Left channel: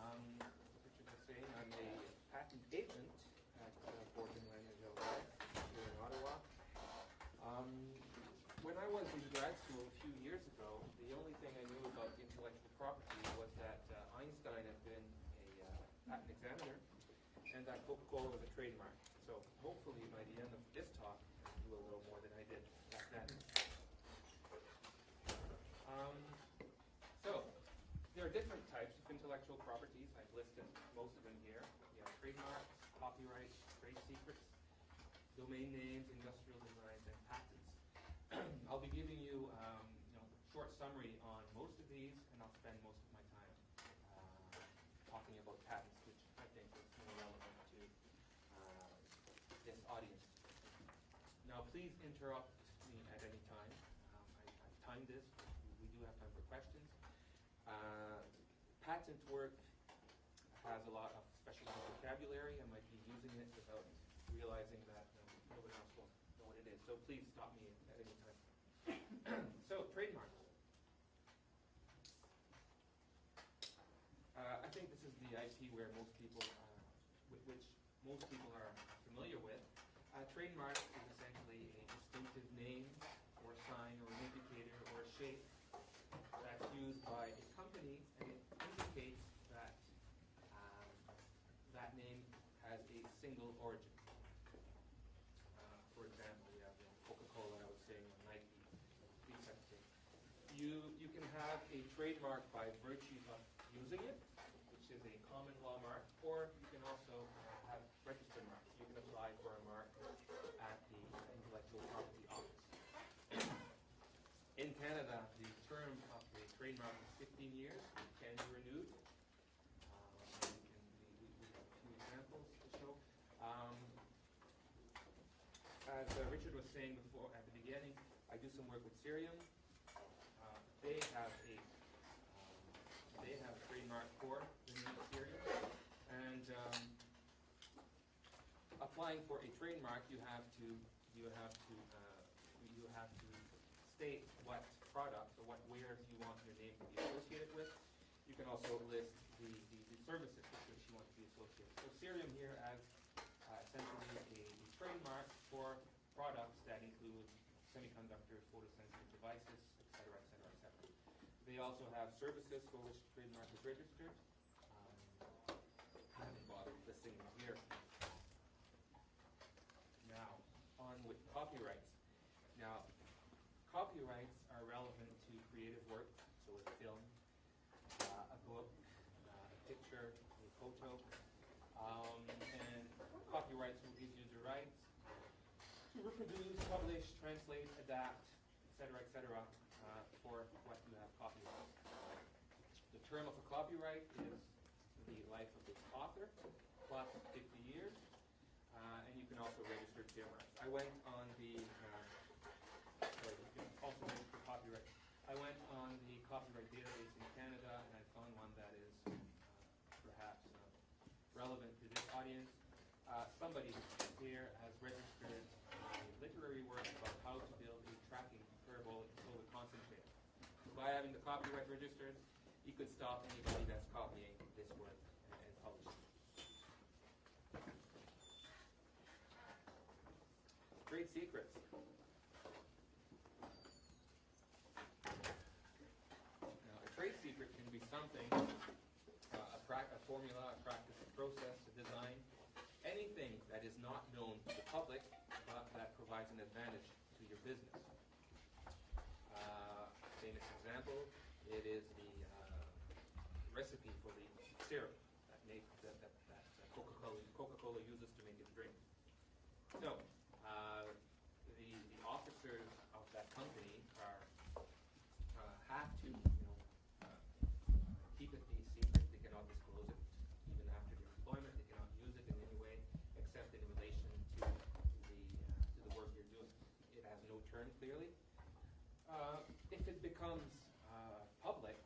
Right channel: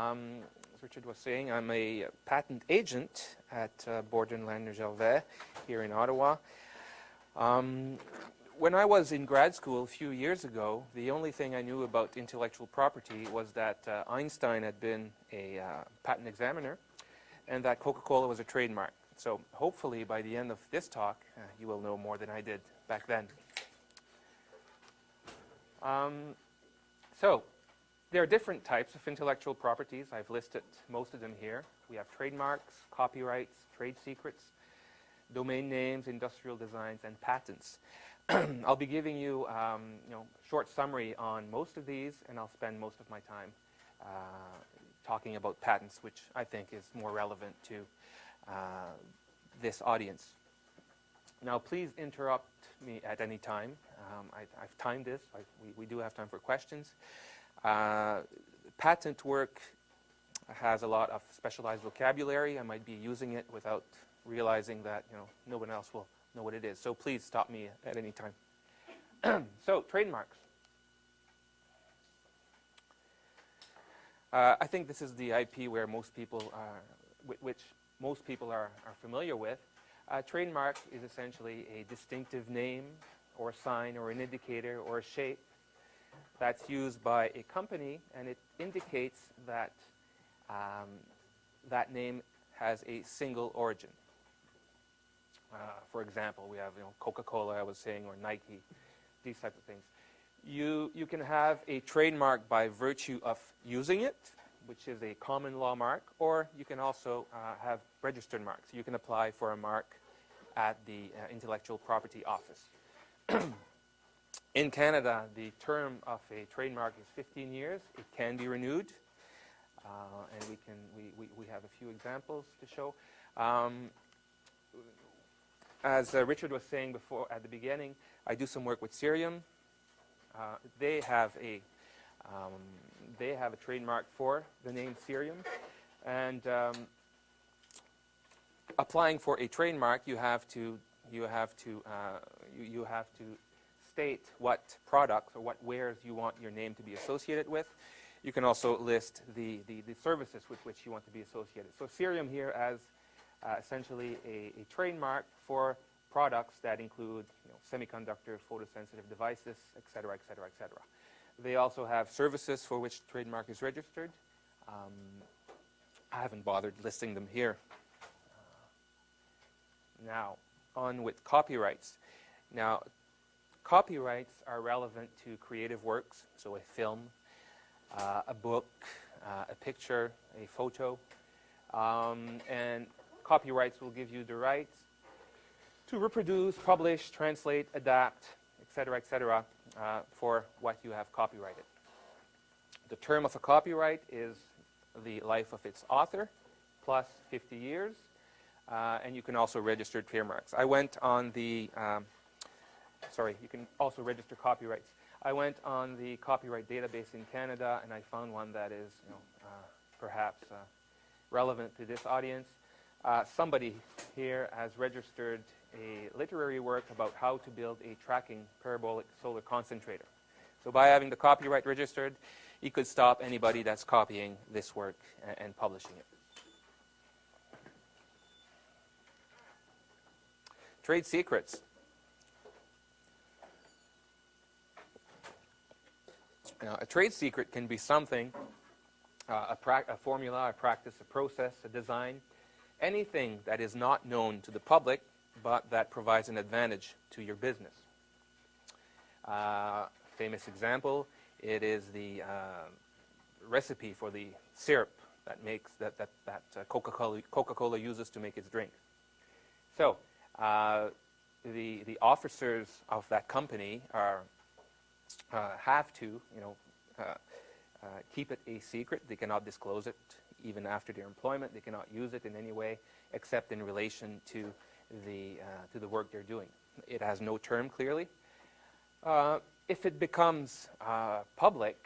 As Richard was saying, I'm a patent agent at Borden Lander Gervais here in Ottawa. When I was in grad school a few years ago, the only thing I knew about intellectual property was that Einstein had been a patent examiner and that Coca-Cola was a trademark. So hopefully by the end of this talk, you will know more than I did back then. So there are different types of intellectual properties. I've listed most of them here. We have trademarks, copyrights, trade secrets, domain names, industrial designs, and patents. I'll be giving you, a short summary on most of these, and I'll spend most of my time talking about patents, which I think is more relevant to this audience. Now, please interrupt me at any time. I've timed this. We do have time for questions. Patent work has a lot of specialized vocabulary. I might be using it without realizing that no one else will know what it is. So please stop me at any time. So trademarks. I think this is the IP where most people which most people are familiar with. Trademark is essentially a distinctive name or sign or an indicator or a shape that's used by a company, and it indicates that that name has a single origin. For example, we have Coca-Cola, I was saying, or Nike, these type of things. You can have a trademark by virtue of using it, which is a common law mark, or you can also have registered marks. You can apply for a mark at the Intellectual Property Office. In Canada, the term of a trademark is 15 years. It can be renewed, and we have a few examples to show. As Richard was saying before at the beginning, I do some work with Cerium. They have a trademark for the name Cerium, and applying for a trademark, you have to state what products or what wares you want your name to be associated with. You can also list the services with which you want to be associated. So Cerium here as essentially a trademark for products that include semiconductor, photosensitive devices, et cetera, et cetera, et cetera. They also have services for which trademark is registered. I haven't bothered listing them here. Now, on with copyrights. Now, copyrights are relevant to creative works, so a film, a book, a picture, a photo, and copyrights will give you the rights to reproduce, publish, translate, adapt, et cetera, for what you have copyrighted. The term of a copyright is the life of its author plus 50 years, and you can also register trademarks. I went on the, you can also register copyrights. I went on the copyright database in Canada, and I found one that is perhaps relevant to this audience. Somebody here has registered a literary work about how to build a tracking parabolic solar concentrator. So by having the copyright registered, you could stop anybody that's copying this work and publishing it. Trade secrets. Now, a trade secret can be something, a formula, a practice, a process, a design, anything that is not known to the public, but that provides an advantage to your business. Famous example, it is the recipe for the syrup that makes that Coca-Cola uses to make its drink. So the officers of that company have to keep it a secret. They cannot disclose it even after their employment. They cannot use it in any way except in relation to the work they're doing. It has no term clearly. If it becomes public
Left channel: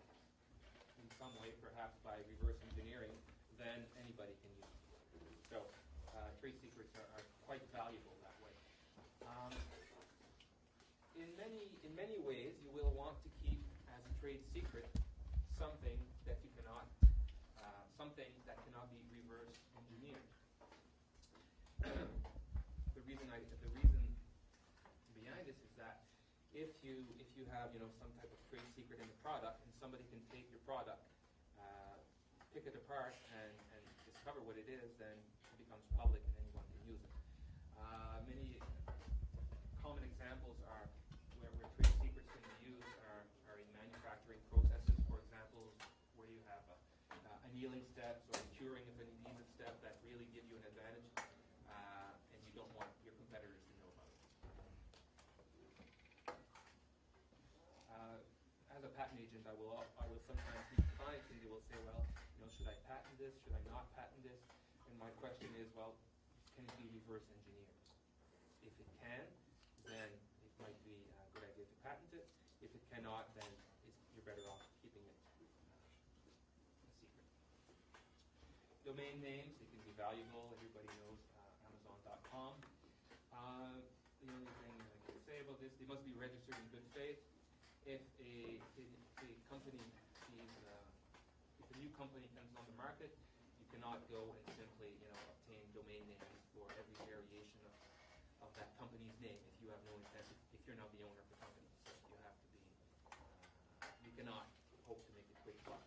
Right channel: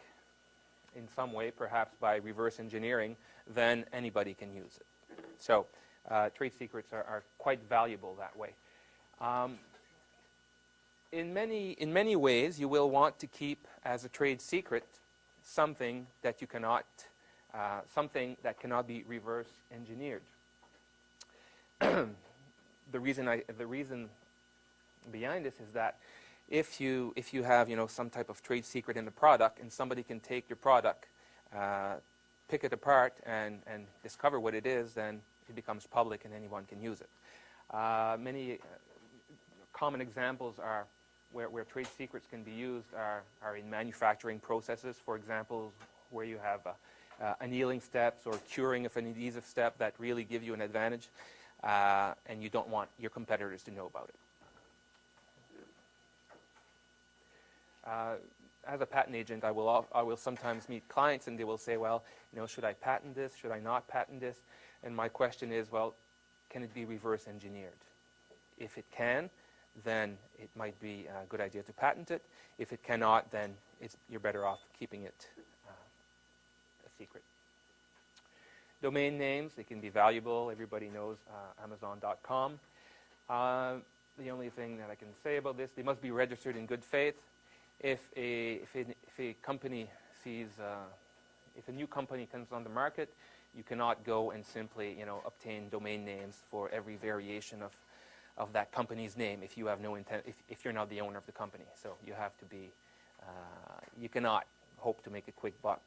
in some way, perhaps by reverse engineering, then anybody can use it. So trade secrets are quite valuable that way. In many ways, you will want to keep as a trade secret something that you cannot something that cannot be reverse engineered. The reason behind this is that if you have some type of trade secret in the product, and somebody can take your product, pick it apart, and discover what it is, then it becomes public and anyone can use it. Many common examples are where trade secrets can be used are in manufacturing processes, for example, where you have annealing steps or curing of an adhesive step that really give you an advantage, and you don't want your competitors to know about it. As a patent agent, I will sometimes meet clients and they will say, well, should I patent this? Should I not patent this? And my question is, well, can it be reverse engineered? If it can, then it might be a good idea to patent it. If it cannot, then you're better off keeping it a secret. Domain names, they can be valuable. Everybody knows Amazon.com. The only thing that I can say about this, they must be registered in good faith. If a company sees, if a new company comes on the market, you cannot go and simply, obtain domain names for every variation of that company's name if you have no intent, if you're not the owner of the company. So you have to be, you cannot hope to make a quick buck,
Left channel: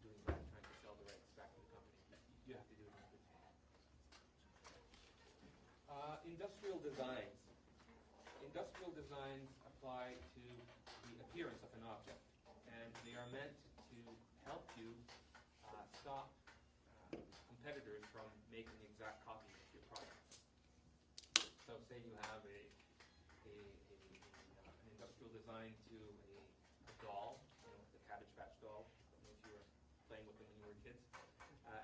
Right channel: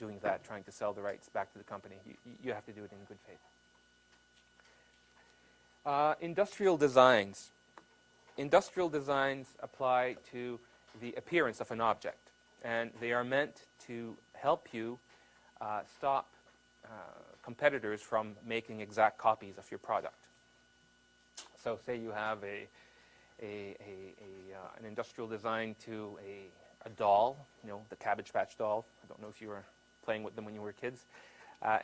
doing that, trying to sell the rights back to the company. You have to do it in good faith. Industrial designs. Industrial designs apply to the appearance of an object, and they are meant to help you stop competitors from making exact copies of your product. So say you have an industrial design to a doll, the Cabbage Patch doll. I don't know if you were playing with them when you were kids.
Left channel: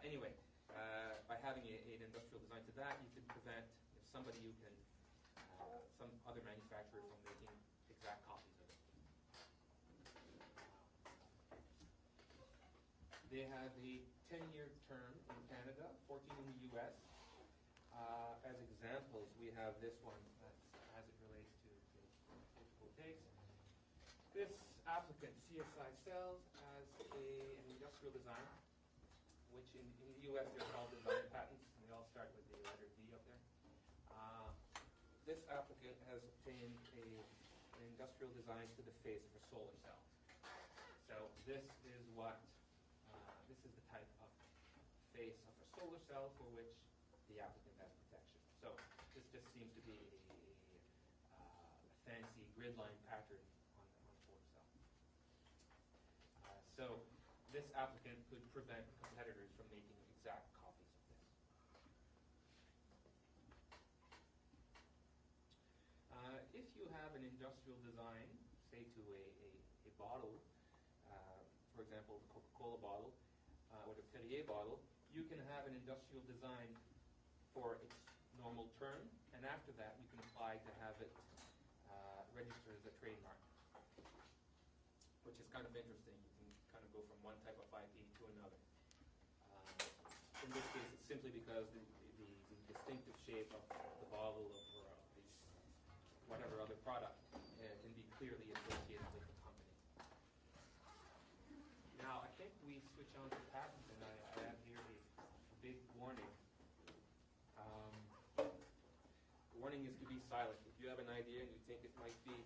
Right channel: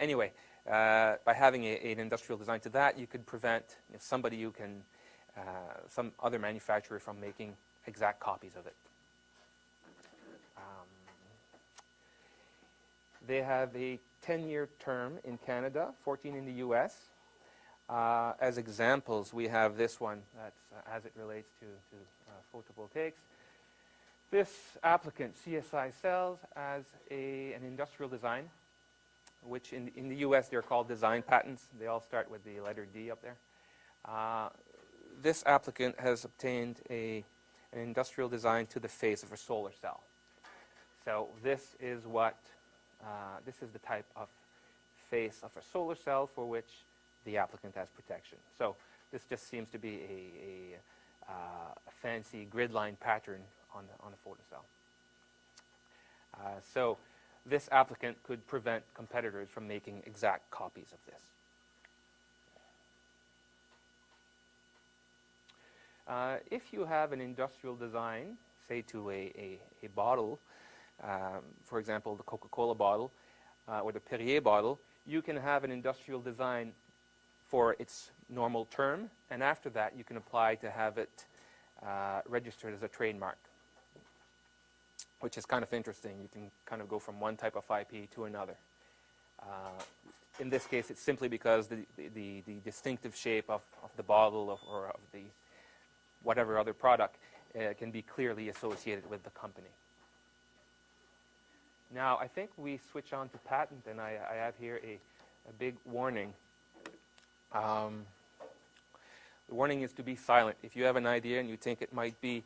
Anyway, by having an industrial design to that, you could prevent somebody who can, some other manufacturer from making exact copies of it. They have a 10-year term in Canada, 14 in the U.S. As examples, we have this one that's as it relates to photovoltaics. This applicant, CSI Cells, as an industrial design, which in the U.S. they're called design patents. They all start with the letter D up there. This applicant has obtained an industrial design to the face of a solar cell. So this is the type of face of a solar cell for which the applicant has protection. So this just seems to be a fancy grid line pattern on a photocell. So this applicant could prevent competitors from making exact copies of this. If you have an industrial design, say to a bottle, for example, the Coca-Cola bottle or the Perrier bottle, you can have an industrial design for its normal term, and after that you can apply to have it registered as a trademark, which is kind of interesting. You can kind of go from one type of IP to another. In this case, it's simply because the distinctive shape of the bottle or of the whatever other product can be clearly associated with the company. Now, I think we switch on to patent, and I have here a big warning. The warning is to be silent. If you have an idea and you think it might be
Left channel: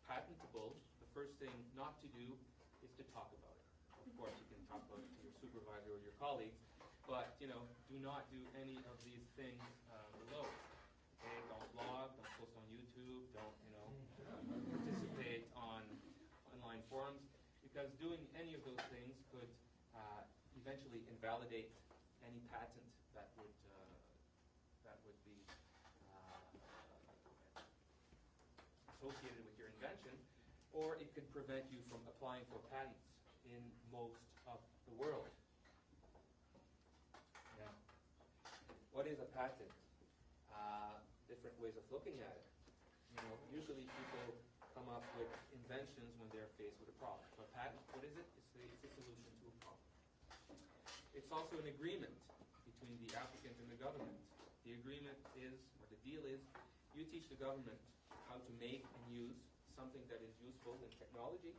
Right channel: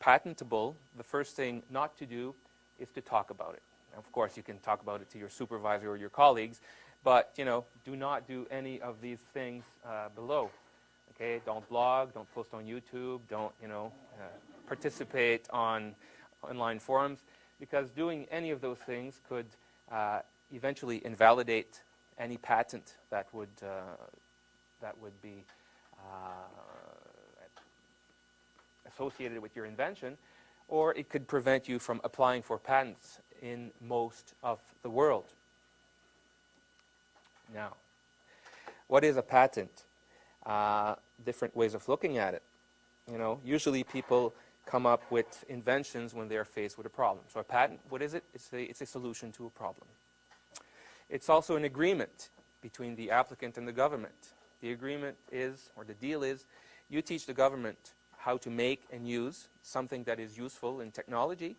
patentable, the first thing not to do is to talk about it. Of course, you can talk about it to your supervisor or your colleagues, but do not do any of these things below. Okay, don't blog, don't post on YouTube, don't participate on online forums, because doing any of those things could eventually invalidate any patent that would be associated with your invention, or it could prevent you from applying for patents in most of the world. Now, what is a patent? Different ways of looking at it. Usually people come up with inventions when they are faced with a problem. So a patent, what is it? It's a solution to a problem. It's also an agreement between the applicant and the government. The agreement is, or the deal is, you teach the government how to make and use something that is useful in technology,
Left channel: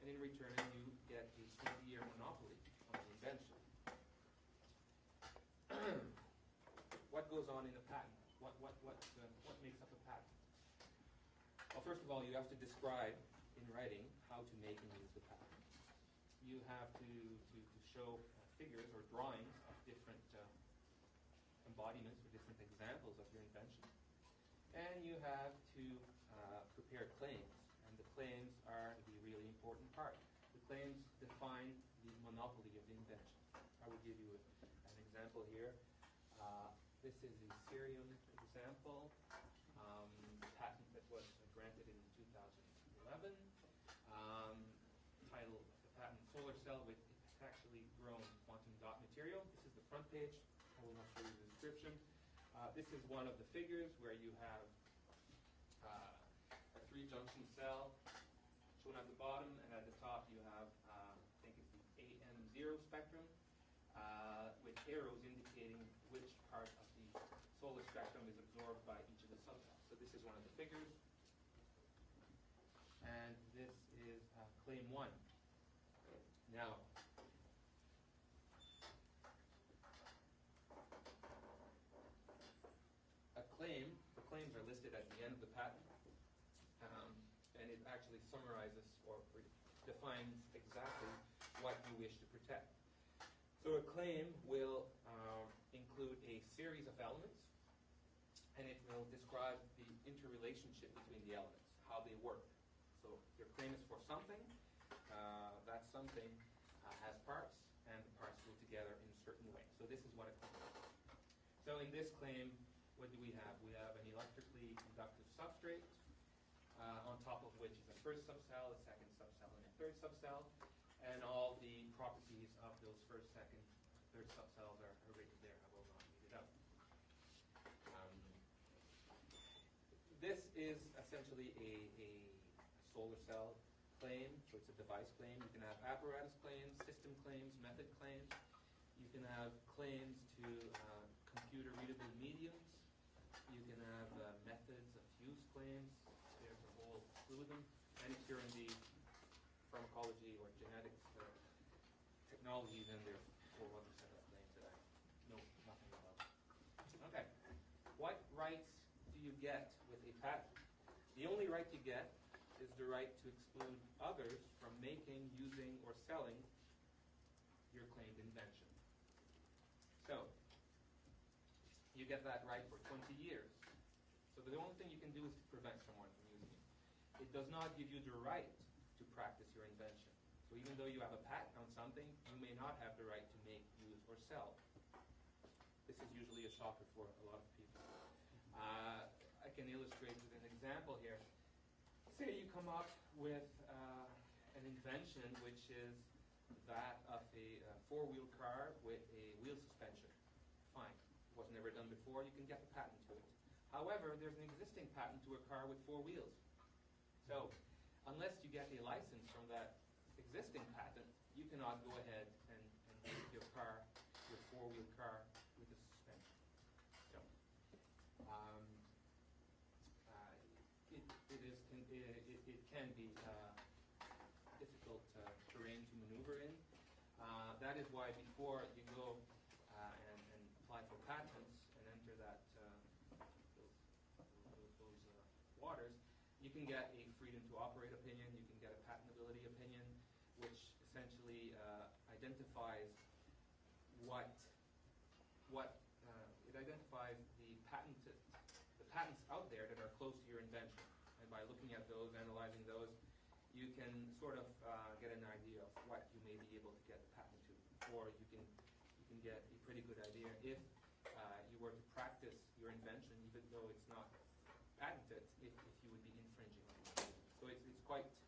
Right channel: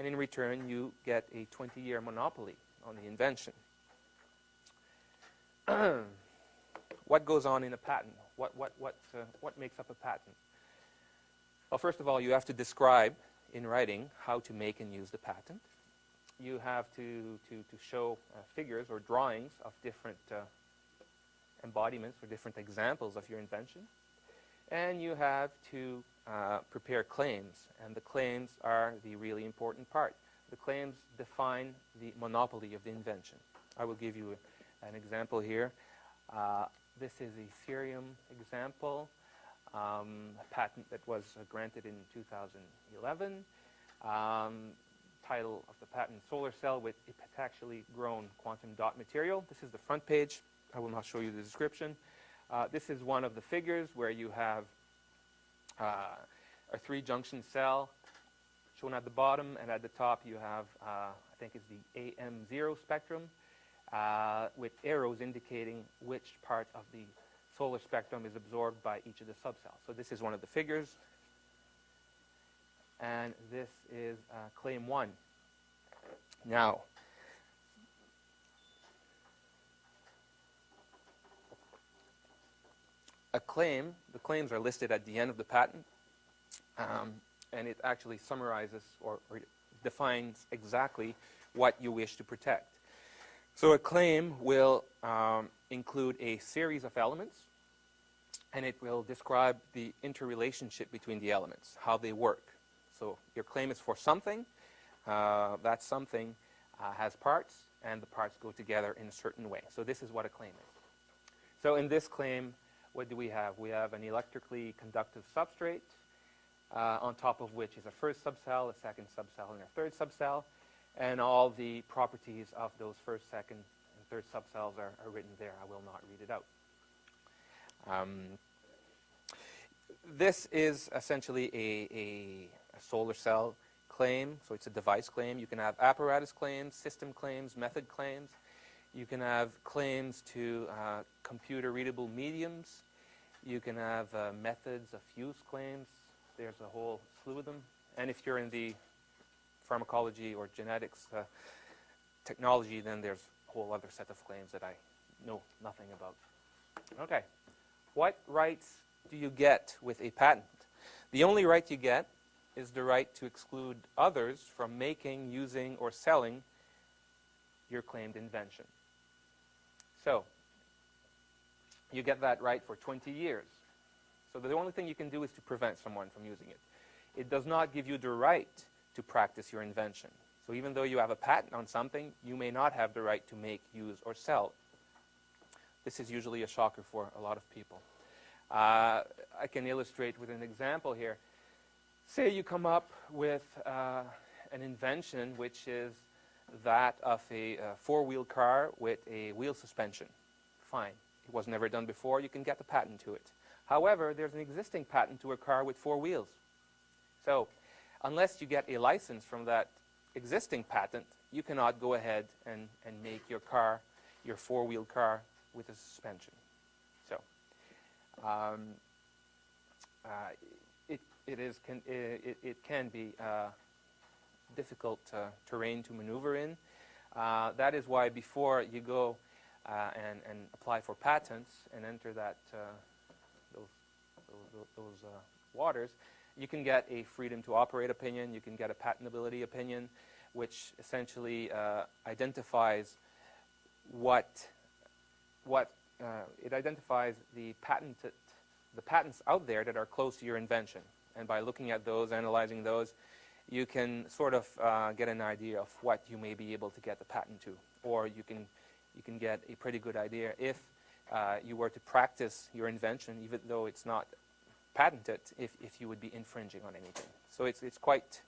and in return you get a 20-year monopoly on the invention. What goes on in a patent? What makes up a patent? Well, first of all, you have to describe in writing how to make and use the patent. You have to show figures or drawings of different embodiments or different examples of your invention. And you have to prepare claims, and the claims are the really important part. The claims define the monopoly of the invention. I will give you an example here. This is a cerium example, a patent that was granted in 2011. Title of the patent, solar cell with epitaxially grown quantum dot material. This is the front page. I will not show you the description. This is one of the figures where you have a 3-junction cell shown at the bottom, and at the top you have, I think it's the AM0 spectrum, with arrows indicating which part of the solar spectrum is absorbed by each of the subcells. So this is one of the figures, and this is claim 1. Now, the claims are listed at the end of the patent, and it actually summarizes or defines exactly what you wish to protect. So a claim will include a series of elements, and it will describe the interrelationship between the elements, how they work. So your claim is for something. That something has parts, and the parts go together in a certain way. So this is what a claim is. So in this claim, what do we have? We have an electrically conductive substrate, on top of which is a first subcell, a second subcell, and a third subcell. And all the properties of those first, second, and third subcells are written there. I will not read it out. This is essentially a solar cell claim, so it's a device claim. You can have apparatus claims, system claims, method claims. You can have claims to computer-readable mediums. You can have methods of use claims. There's a whole slew of them. And if you're in the pharmacology or genetics technology, then there's a whole other set of claims that I know nothing about. Okay. What rights do you get with a patent? The only right you get is the right to exclude others from making, using, or selling your claimed invention. So, you get that right for 20 years. So the only thing you can do is to prevent someone from using it. It does not give you the right to practice your invention. So even though you have a patent on something, you may not have the right to make, use, or sell. This is usually a shocker for a lot of people. I can illustrate with an example here. Say you come up with an invention which is that of a four-wheel car with a wheel suspension. Fine. It was never done before. You can get the patent to it. However, there's an existing patent to a car with 4 wheels. So unless you get a license from that existing patent, you cannot go ahead and make your car, your 4-wheel car, with a suspension. So it can be difficult terrain to maneuver in. That is why before you go and apply for patents and enter that those waters, you can get a freedom to operate opinion. You can get a patentability opinion, which essentially identifies it identifies the patents out there that are close to your invention. And by looking at those, analyzing those, you can sort of get an idea of what you may be able to get the patent to, or you can get a pretty good idea if you were to practice your invention, even though it's not patented, if you would be infringing on anything. So it is quite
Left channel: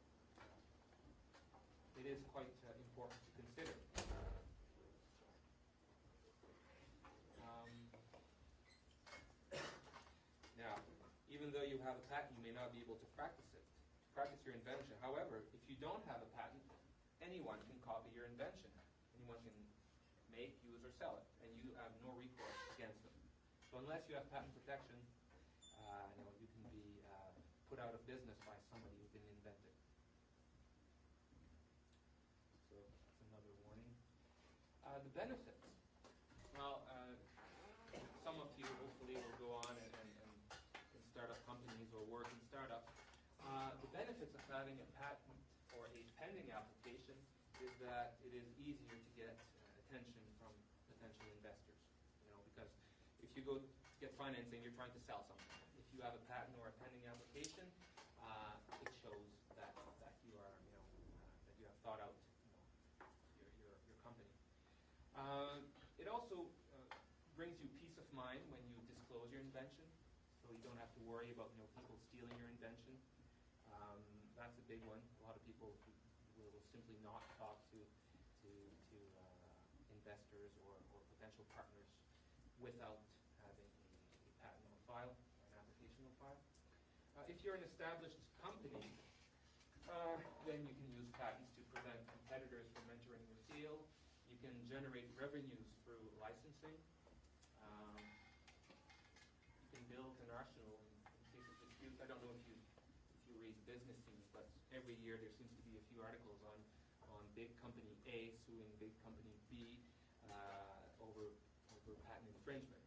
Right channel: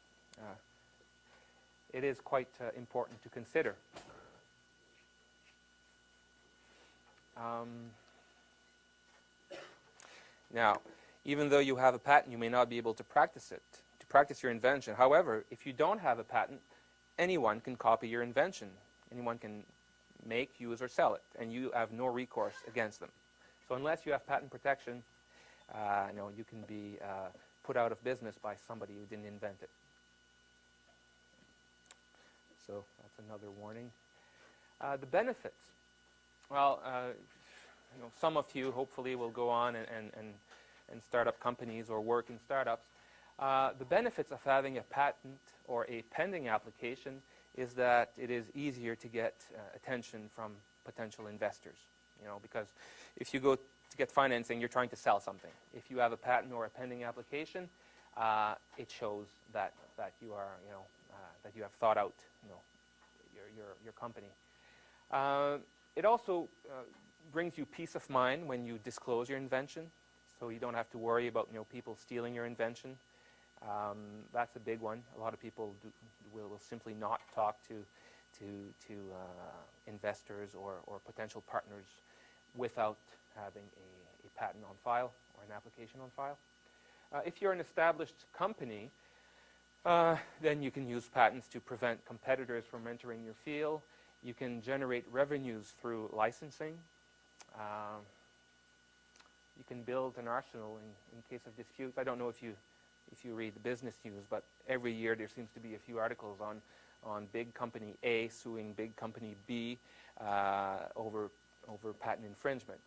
important to consider. Now, even though you have a patent, you may not be able to practice your invention. However, if you don't have a patent, anyone can copy your invention. Anyone can make, use, or sell it, and you have no recourse against them. So unless you have patent protection, you can be put out of business by somebody who didn't invent it. so that's another warning. The benefits. Well, some of you hopefully will go on and start up companies or work in startups. The benefits of having a patent or a pending application is that it is easier to get attention from potential investors. Because if you go to get financing, you're trying to sell something. If you have a patent or a pending application, it shows that you are, that you have thought out, your company. It also brings you peace of mind when you disclose your invention, so you don't have to worry about people stealing your invention. That's a big one. A lot of people will simply not talk to investors or potential partners without having a patent on file or an application on file. If you're an established company, then you can use patents to prevent competitors from entering your field. You can generate revenues through licensing. You can build an arsenal in case of disputes. I don't know if you read the business news, but every year there seems to be a few articles on big company A suing big company B over patent infringement.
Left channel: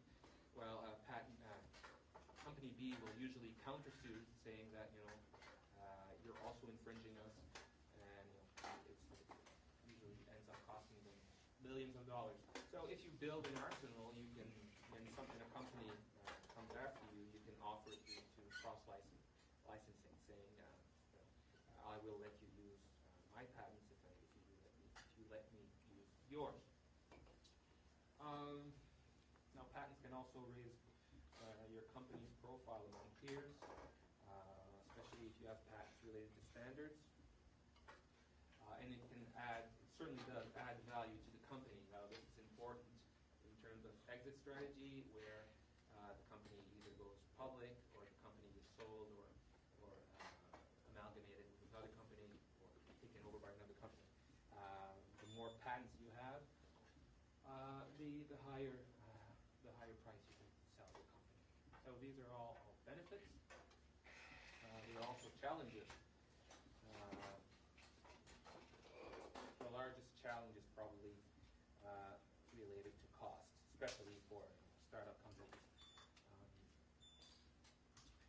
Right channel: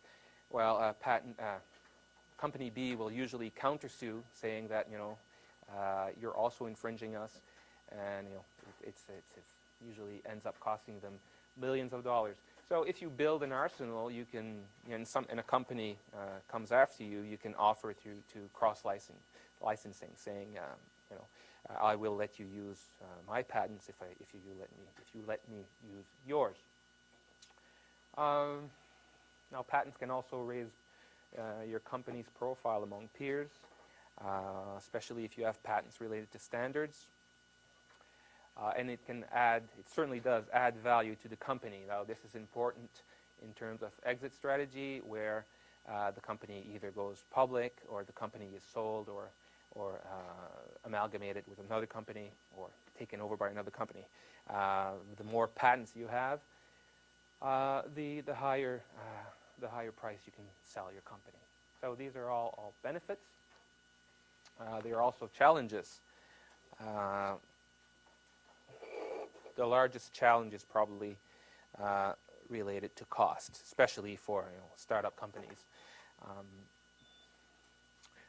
Well, company B will usually countersue, saying that you're also infringing us, and it usually ends up costing them millions of dollars. So if you build an arsenal, you can, and a company comes after you, you can offer to cross-licensing, saying, I will let you use my patents if you let me use yours. Now, patents can also raise your company's profile among peers, especially if you have patents related to standards. And it certainly does add value to the company. Now, this is important in terms of exit strategy, where the company either goes public, or the company is sold, or amalgamated with another company, or taken over by another company. The more patents you have, the higher price you can sell your company. So these are all benefits. There are also challenges. The largest challenge is probably related to cost, especially for startup companies.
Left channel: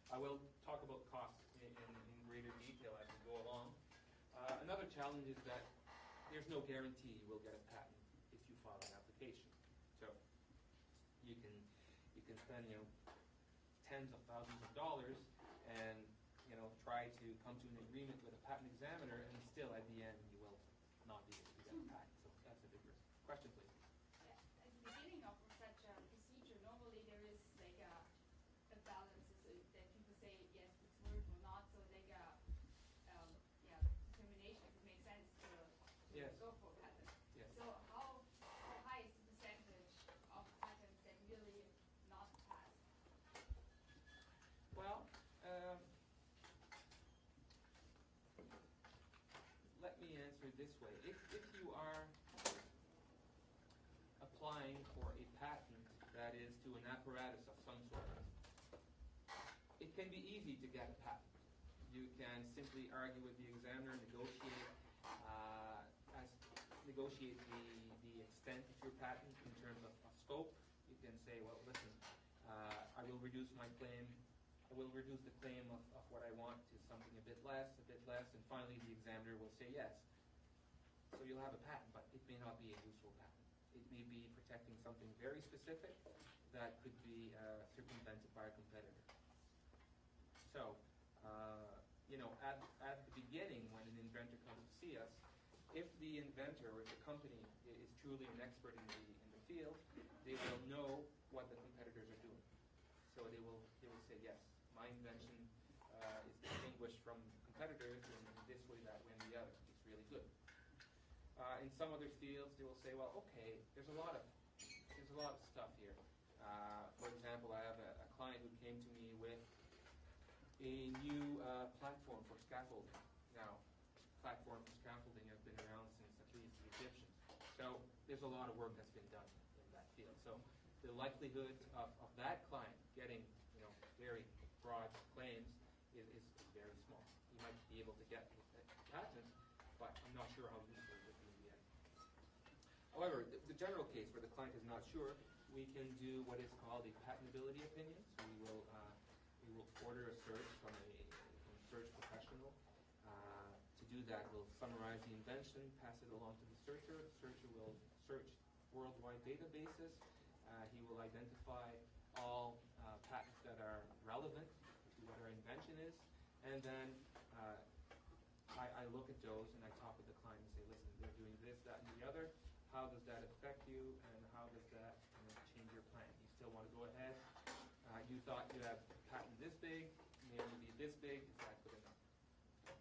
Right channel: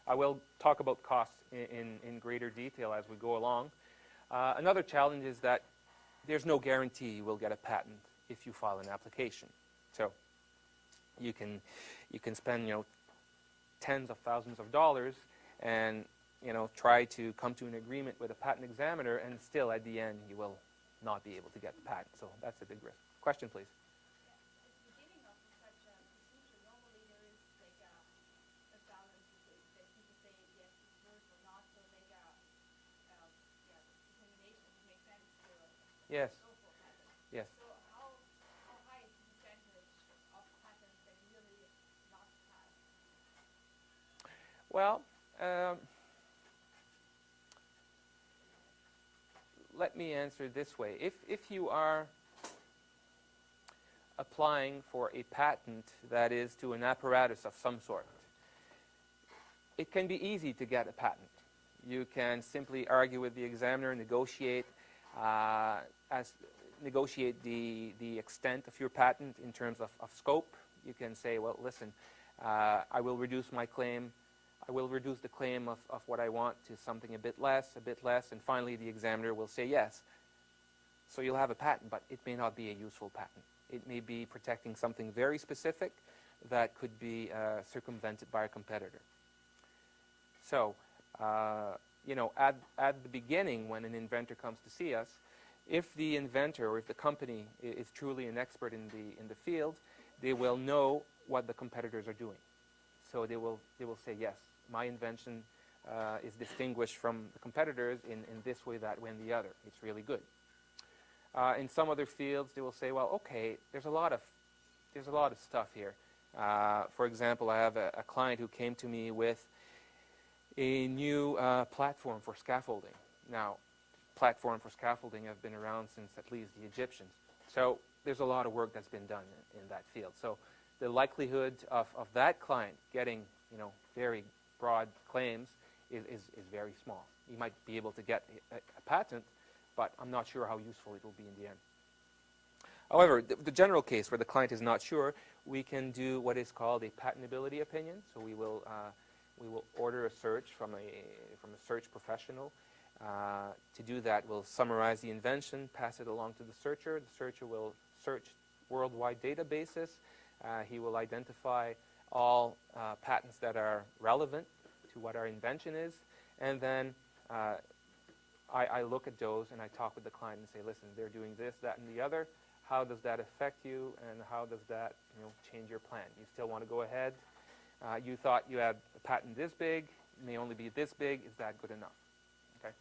I will talk about costs in greater detail as we go along. Another challenge is that there's no guarantee you will get a patent if you file an application. So you can spend tens of thousands of dollars and try to come to an agreement with a patent examiner, and still at the end you will not be able to get the patent. So that's a big risk. Question, please. At the beginning of such a procedure, normally there is a balance that people say yes, it's yours or not, so determination. It makes sense to Yes. go for a patent. Yes. So how high is the percentage of patents that really not pass? Well, let me answer this way. If you are applying for a patent that is to an apparatus of some sort, it can be easy to get a patent. You can simply argue with the examiner, negotiate the extent of your patent in terms of scope. You can say, well, listen, I will reduce my claim. I will reduce the claim of what I want to something a bit less, and finally the examiner will say yes. So you'll have a patent, but it may not be a useful patent. It may be protecting something very specific that could be circumvented by a competitor. So, at the beginning, when an inventor comes to see us, if the inventor or if the company is truly an expert in the field, they will know what the competitors are doing. So they will say, yes, my invention is distinguished from the competitors in this way, that way, and the other. It's really good. In some other fields, they will say, well, okay, there's a lot of stuff here. For example, I have a client who came to me with a new platform for scaffolding. Now, platform for scaffolding have been around since at least the Egyptians. So there's a lot of work that's been done in that field. So the likelihood of that client getting very broad claims is very small. You might be able to get a patent but I'm not sure how useful it will be in the end. However, the general case where the client is not sure, we can do what is called a patentability opinion. So we will order a search from a search professional. To do that, we'll summarize the invention, pass it along to the searcher. The searcher will search worldwide databases. He will identify all patents that are relevant to what our invention is, and then I look at those and I talk with the client and say, listen, they're doing this, that, and the other. How does that affect you, and how does that change your plan? You still want to go ahead? You thought you had a patent this big, it may only be this big. Is that good enough? Okay.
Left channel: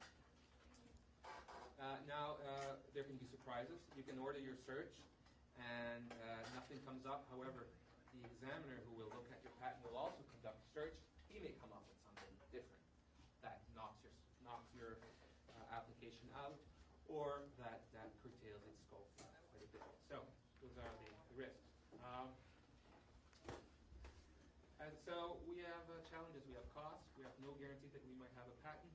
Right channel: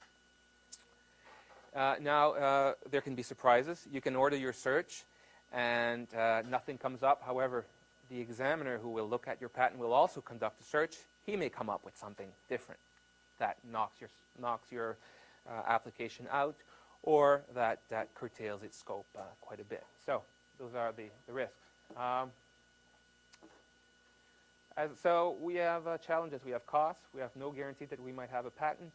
Now, there can be surprises. You can order your search, and nothing comes up. However, the examiner who will look at your patent will also conduct a search. He may come up with something different that knocks your application out, or that curtails its scope quite a bit. So those are the risks. So we have challenges. We have costs. We have no guarantee that we might have a patent.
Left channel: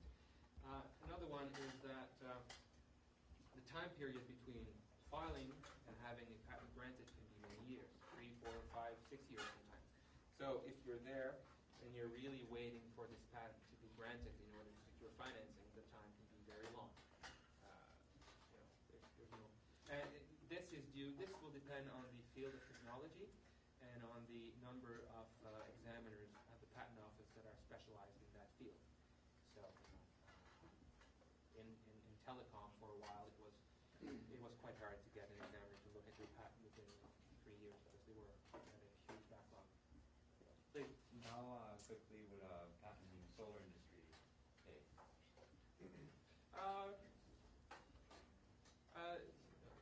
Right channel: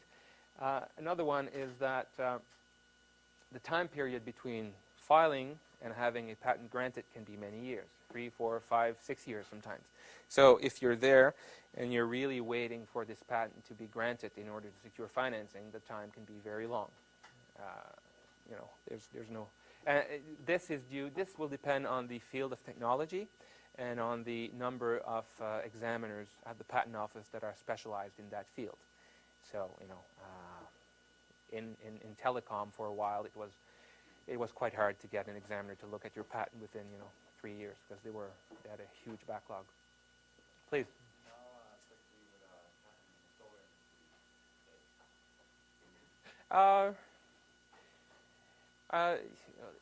Another one is that the time period between filing and having a patent granted can be many years, 3, 4, 5, 6 years sometimes. So if you're there and you're really waiting for this patent to be granted in order to secure financing, the time can be very long. There's no. This will depend on the field of technology and on the number of examiners at the patent office that are specialized in that field. So in telecom for a while, it was quite hard to get an examiner to look at your patent within 3 years because they had a huge backlog. Please. How quickly would a patent in the solar industry take?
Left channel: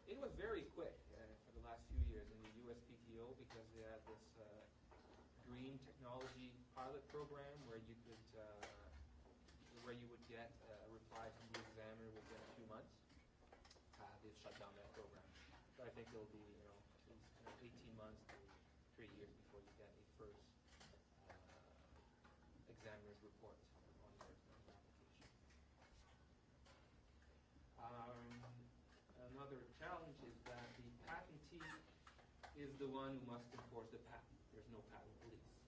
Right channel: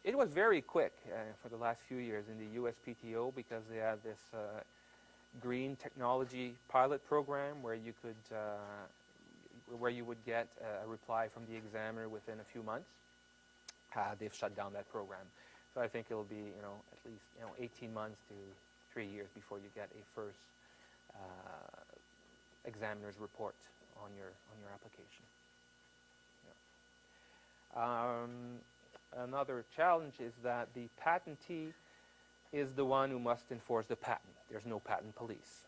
It was very quick for the last few years in the USPTO because they have this green technology pilot program where you would get a reply from the examiner within a few months. They've shut down that program, so I think it'll be at least 18 months to 3 years before you get a first examiner's report on your application. Yeah. Another challenge is that the patentee is the one who must enforce the patent. There's no patent police.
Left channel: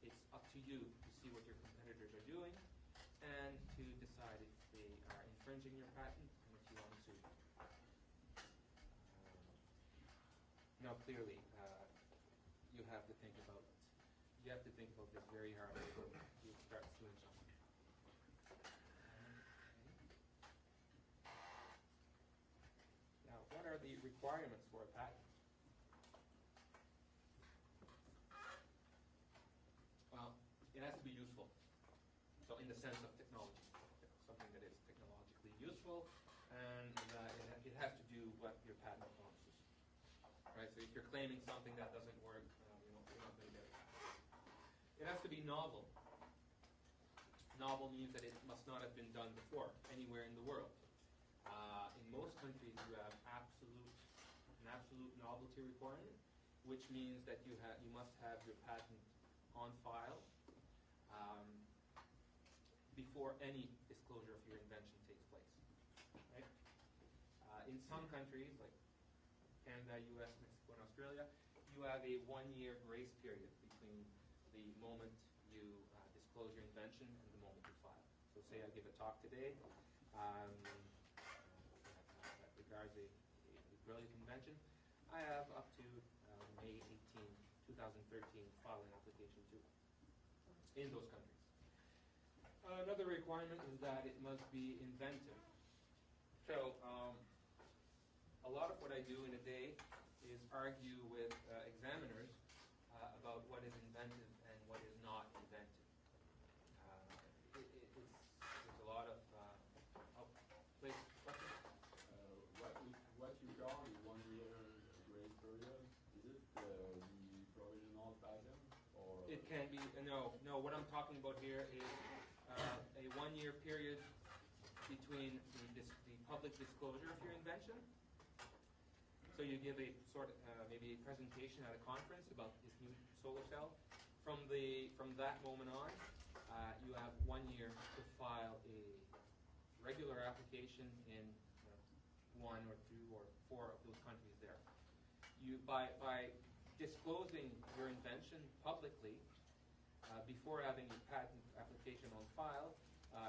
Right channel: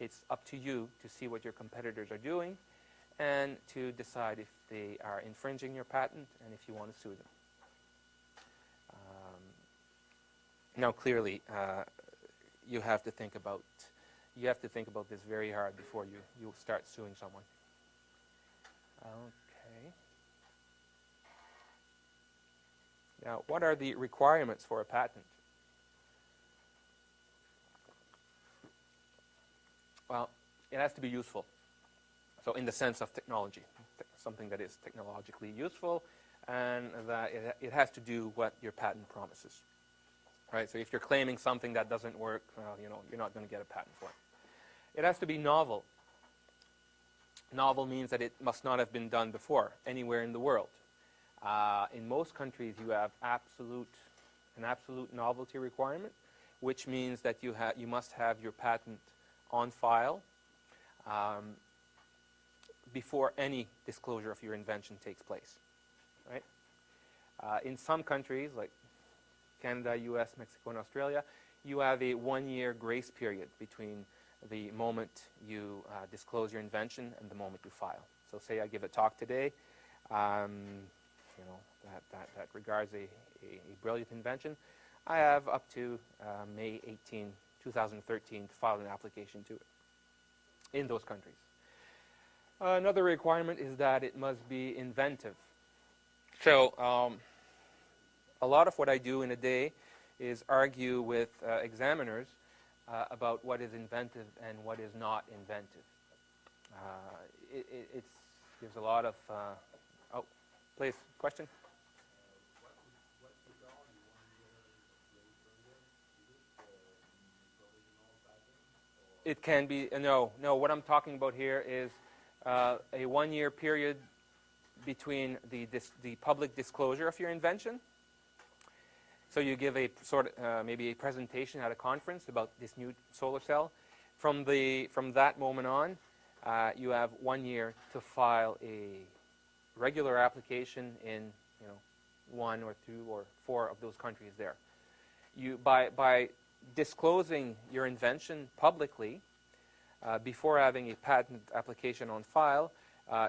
It's up to you to see what your competitors are doing and to decide if they are infringing your patent and if you want to sue them. Now, clearly, you have to think about this very hard before you start suing someone. Okay. Now, what are the requirements for a patent? Well, it has to be useful. So in the sense of technology, something that is technologically useful, and that it has to do what your patent promises. Right? So if you're claiming something that doesn't work, well, you're not going to get a patent for it. It has to be novel. Novel means that it must not have been done before, anywhere in the world. In most countries, you have an absolute novelty requirement, which means that you must have your patent on file before any disclosure of your invention takes place. Right? In some countries, like Canada, US, Mexico, and Australia, you have a 1-year grace period between the moment you disclose your invention and the moment you file. So say I give a talk today, that regards a brilliant invention. I have up to May 18, 2013 to file an application to it in those countries. Another requirement is that it must be inventive. So a lot of what I do in a day is argue with examiners about what is inventive and what is not inventive. There's a lot of... oh, please, question? What you call the 1-year grace period? Is it the provisional patent? Or It can be... No, what I'm talking about here is a 1-year period between the public disclosure of your invention. So you give a maybe a presentation at a conference about this new solar cell. From that moment on, you have 1 year to file a regular application in one or two or four of those countries there. By disclosing your invention publicly before having a patent application on file,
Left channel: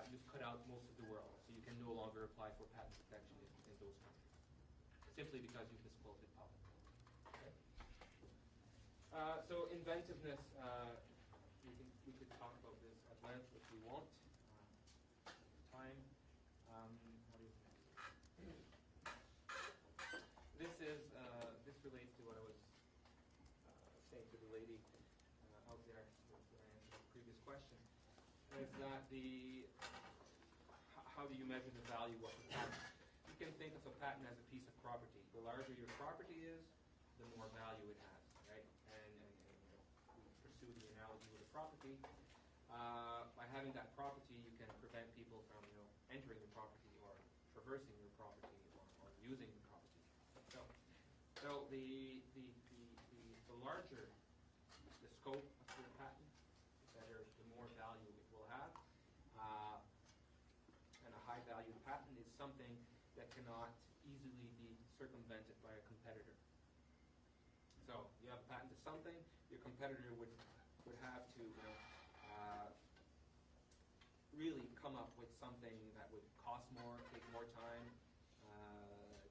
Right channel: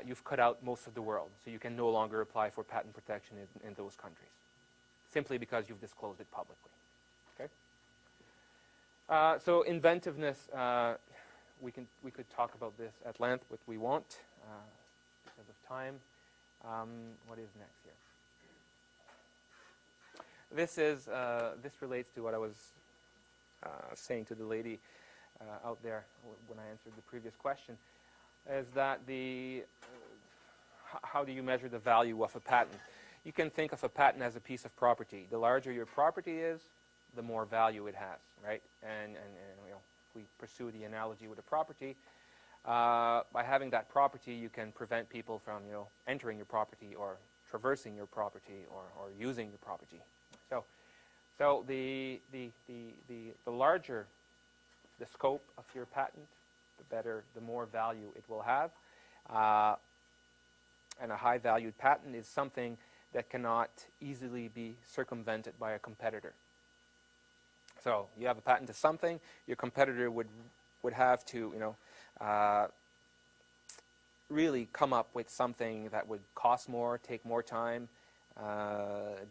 you've cut out most of the world. So you can no longer apply for patent protection in those countries, simply because you've disclosed it publicly. Okay? So inventiveness, we could talk about this at length, but we won't because of time. What is next here? This relates to what I was saying to the lady out there when I answered the previous question, is that how do you measure the value of a patent? You can think of a patent as a piece of property. The larger your property is, the more value it has, right? And you know, if we pursue the analogy with a property, by having that property, you can prevent people from, you know, entering your property or traversing your property or using your property. So the larger the scope of your patent, the more value it will have. And a high-valued patent is something that cannot easily be circumvented by a competitor. So you have a patent to something, your competitor would have to, you know, really come up with something that would cost more, take more time,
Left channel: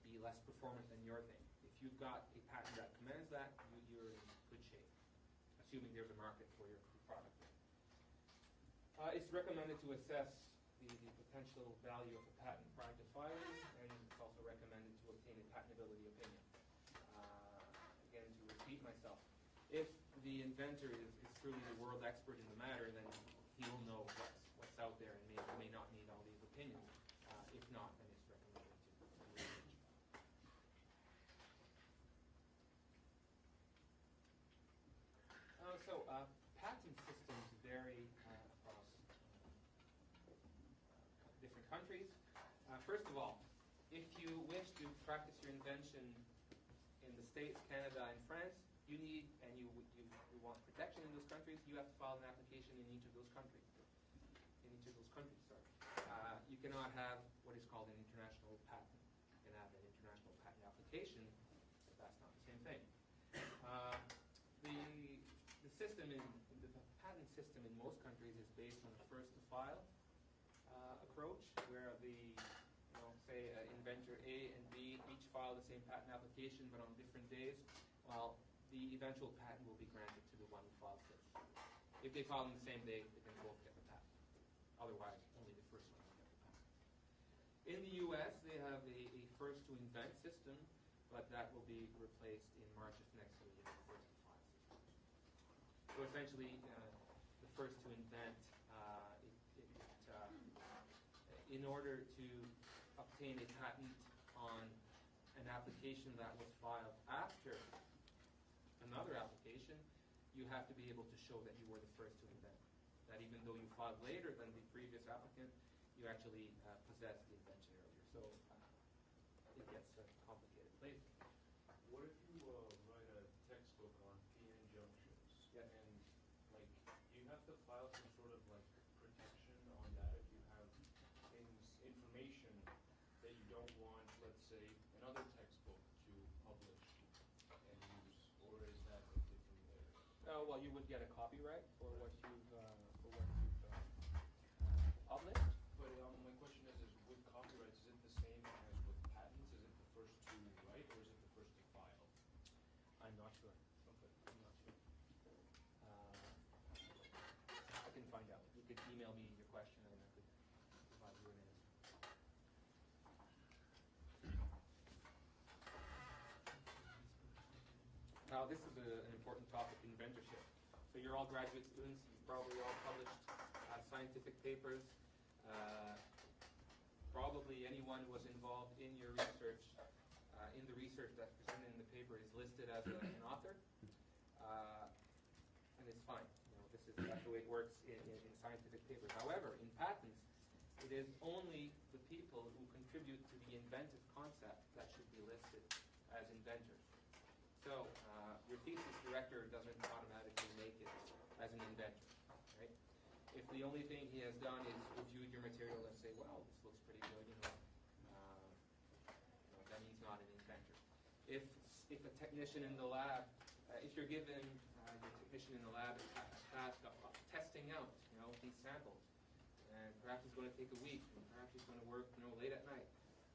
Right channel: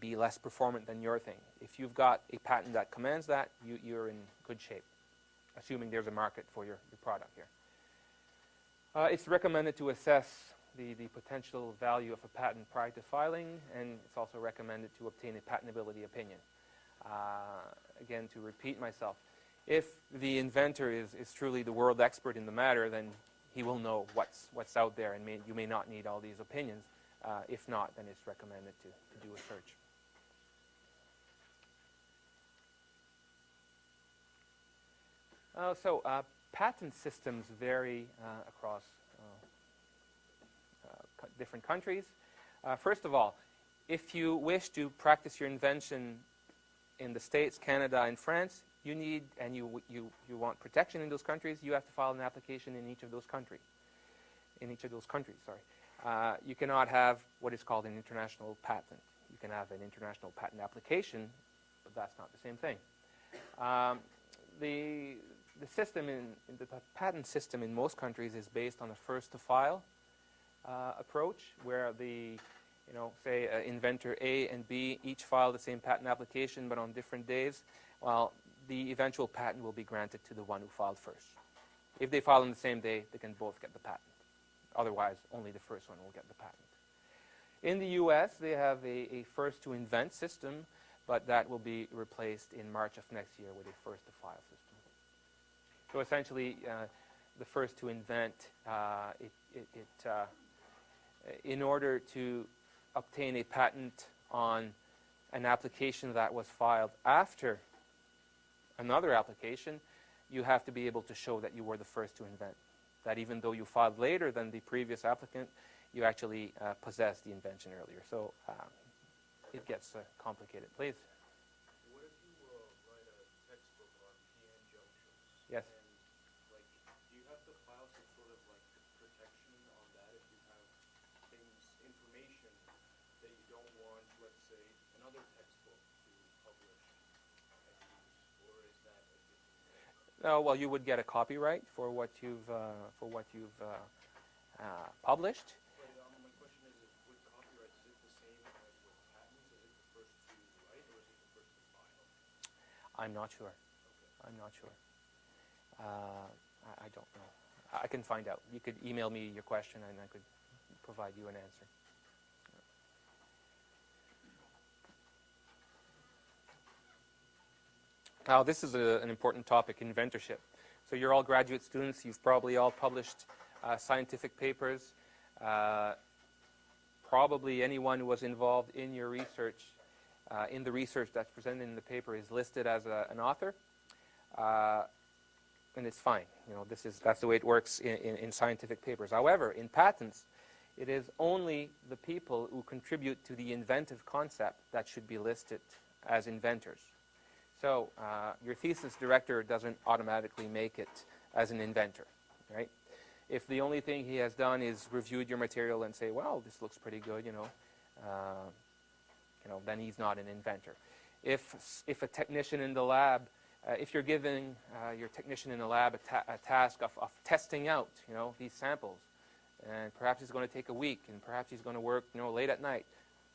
be less performant than your thing. If you've got a patent that commands that, you're in good shape, assuming there's a market for your product here. It's recommended to assess the potential value of a patent prior to filing, and it's also recommended to obtain a patentability opinion. Again, to repeat myself, if the inventor is truly the world expert in the matter, then he will know what's out there, and you may not need all these opinions. If not, then it's recommended to do a search. So patent systems vary across different countries. First of all, if you wish to practice your invention in the States, Canada, and France, you need, and you want protection in those countries, you have to file an application in each of those countries. You cannot have what is called an international patent. You can have an international patent application, but that's not the same thing. The system the patent system in most countries is based on a first-to-file approach, where say inventor A and B each file the same patent application, but on different days. Well, the eventual patent will be granted to the one who filed first. If they file on the same day, they can both get the patent. Otherwise, only the first one will get the patent. In the US, they have a first-to-invent system, but that will be replaced in March of next year with a first-to-file system. So essentially, the first-to-invent, in order to obtain a patent on an application that was filed after another application, you have to be able to show that you were the first to invent. That even though you filed later than the previous applicant, you actually possessed the invention earlier. So it gets complicated. Please. What if you write a textbook on PN junctions? Yes. And do you have to file some sort of protection on that if you have information that you don't want, let's say, another textbook to publish and use, or is that a different thing? Well, you would get a copyright for what you've published. But my question is with copyrights, is it the same as with patents? Is it the first to write, or is it the first to file? I'm not sure. Okay. I'm not sure. I don't know. I can find out. You could email me your question, and I could provide you an answer. Now, this is an important topic, inventorship. So you're all graduate students. You've probably all published scientific papers. Probably anyone who was involved in your research, in the research that's presented in the paper, is listed as an author. And it's fine. That's the way it works in scientific papers. However, in patents, it is only the people who contribute to the inventive concept that should be listed as inventors. So your thesis director doesn't automatically make it as an inventor, right? If the only thing he has done is reviewed your material and say, well, this looks pretty good, then he's not an inventor. If a technician in the lab, if you're giving your technician in the lab a task of testing out, these samples, and perhaps it's going to take a week, and perhaps he's going to work, late at night,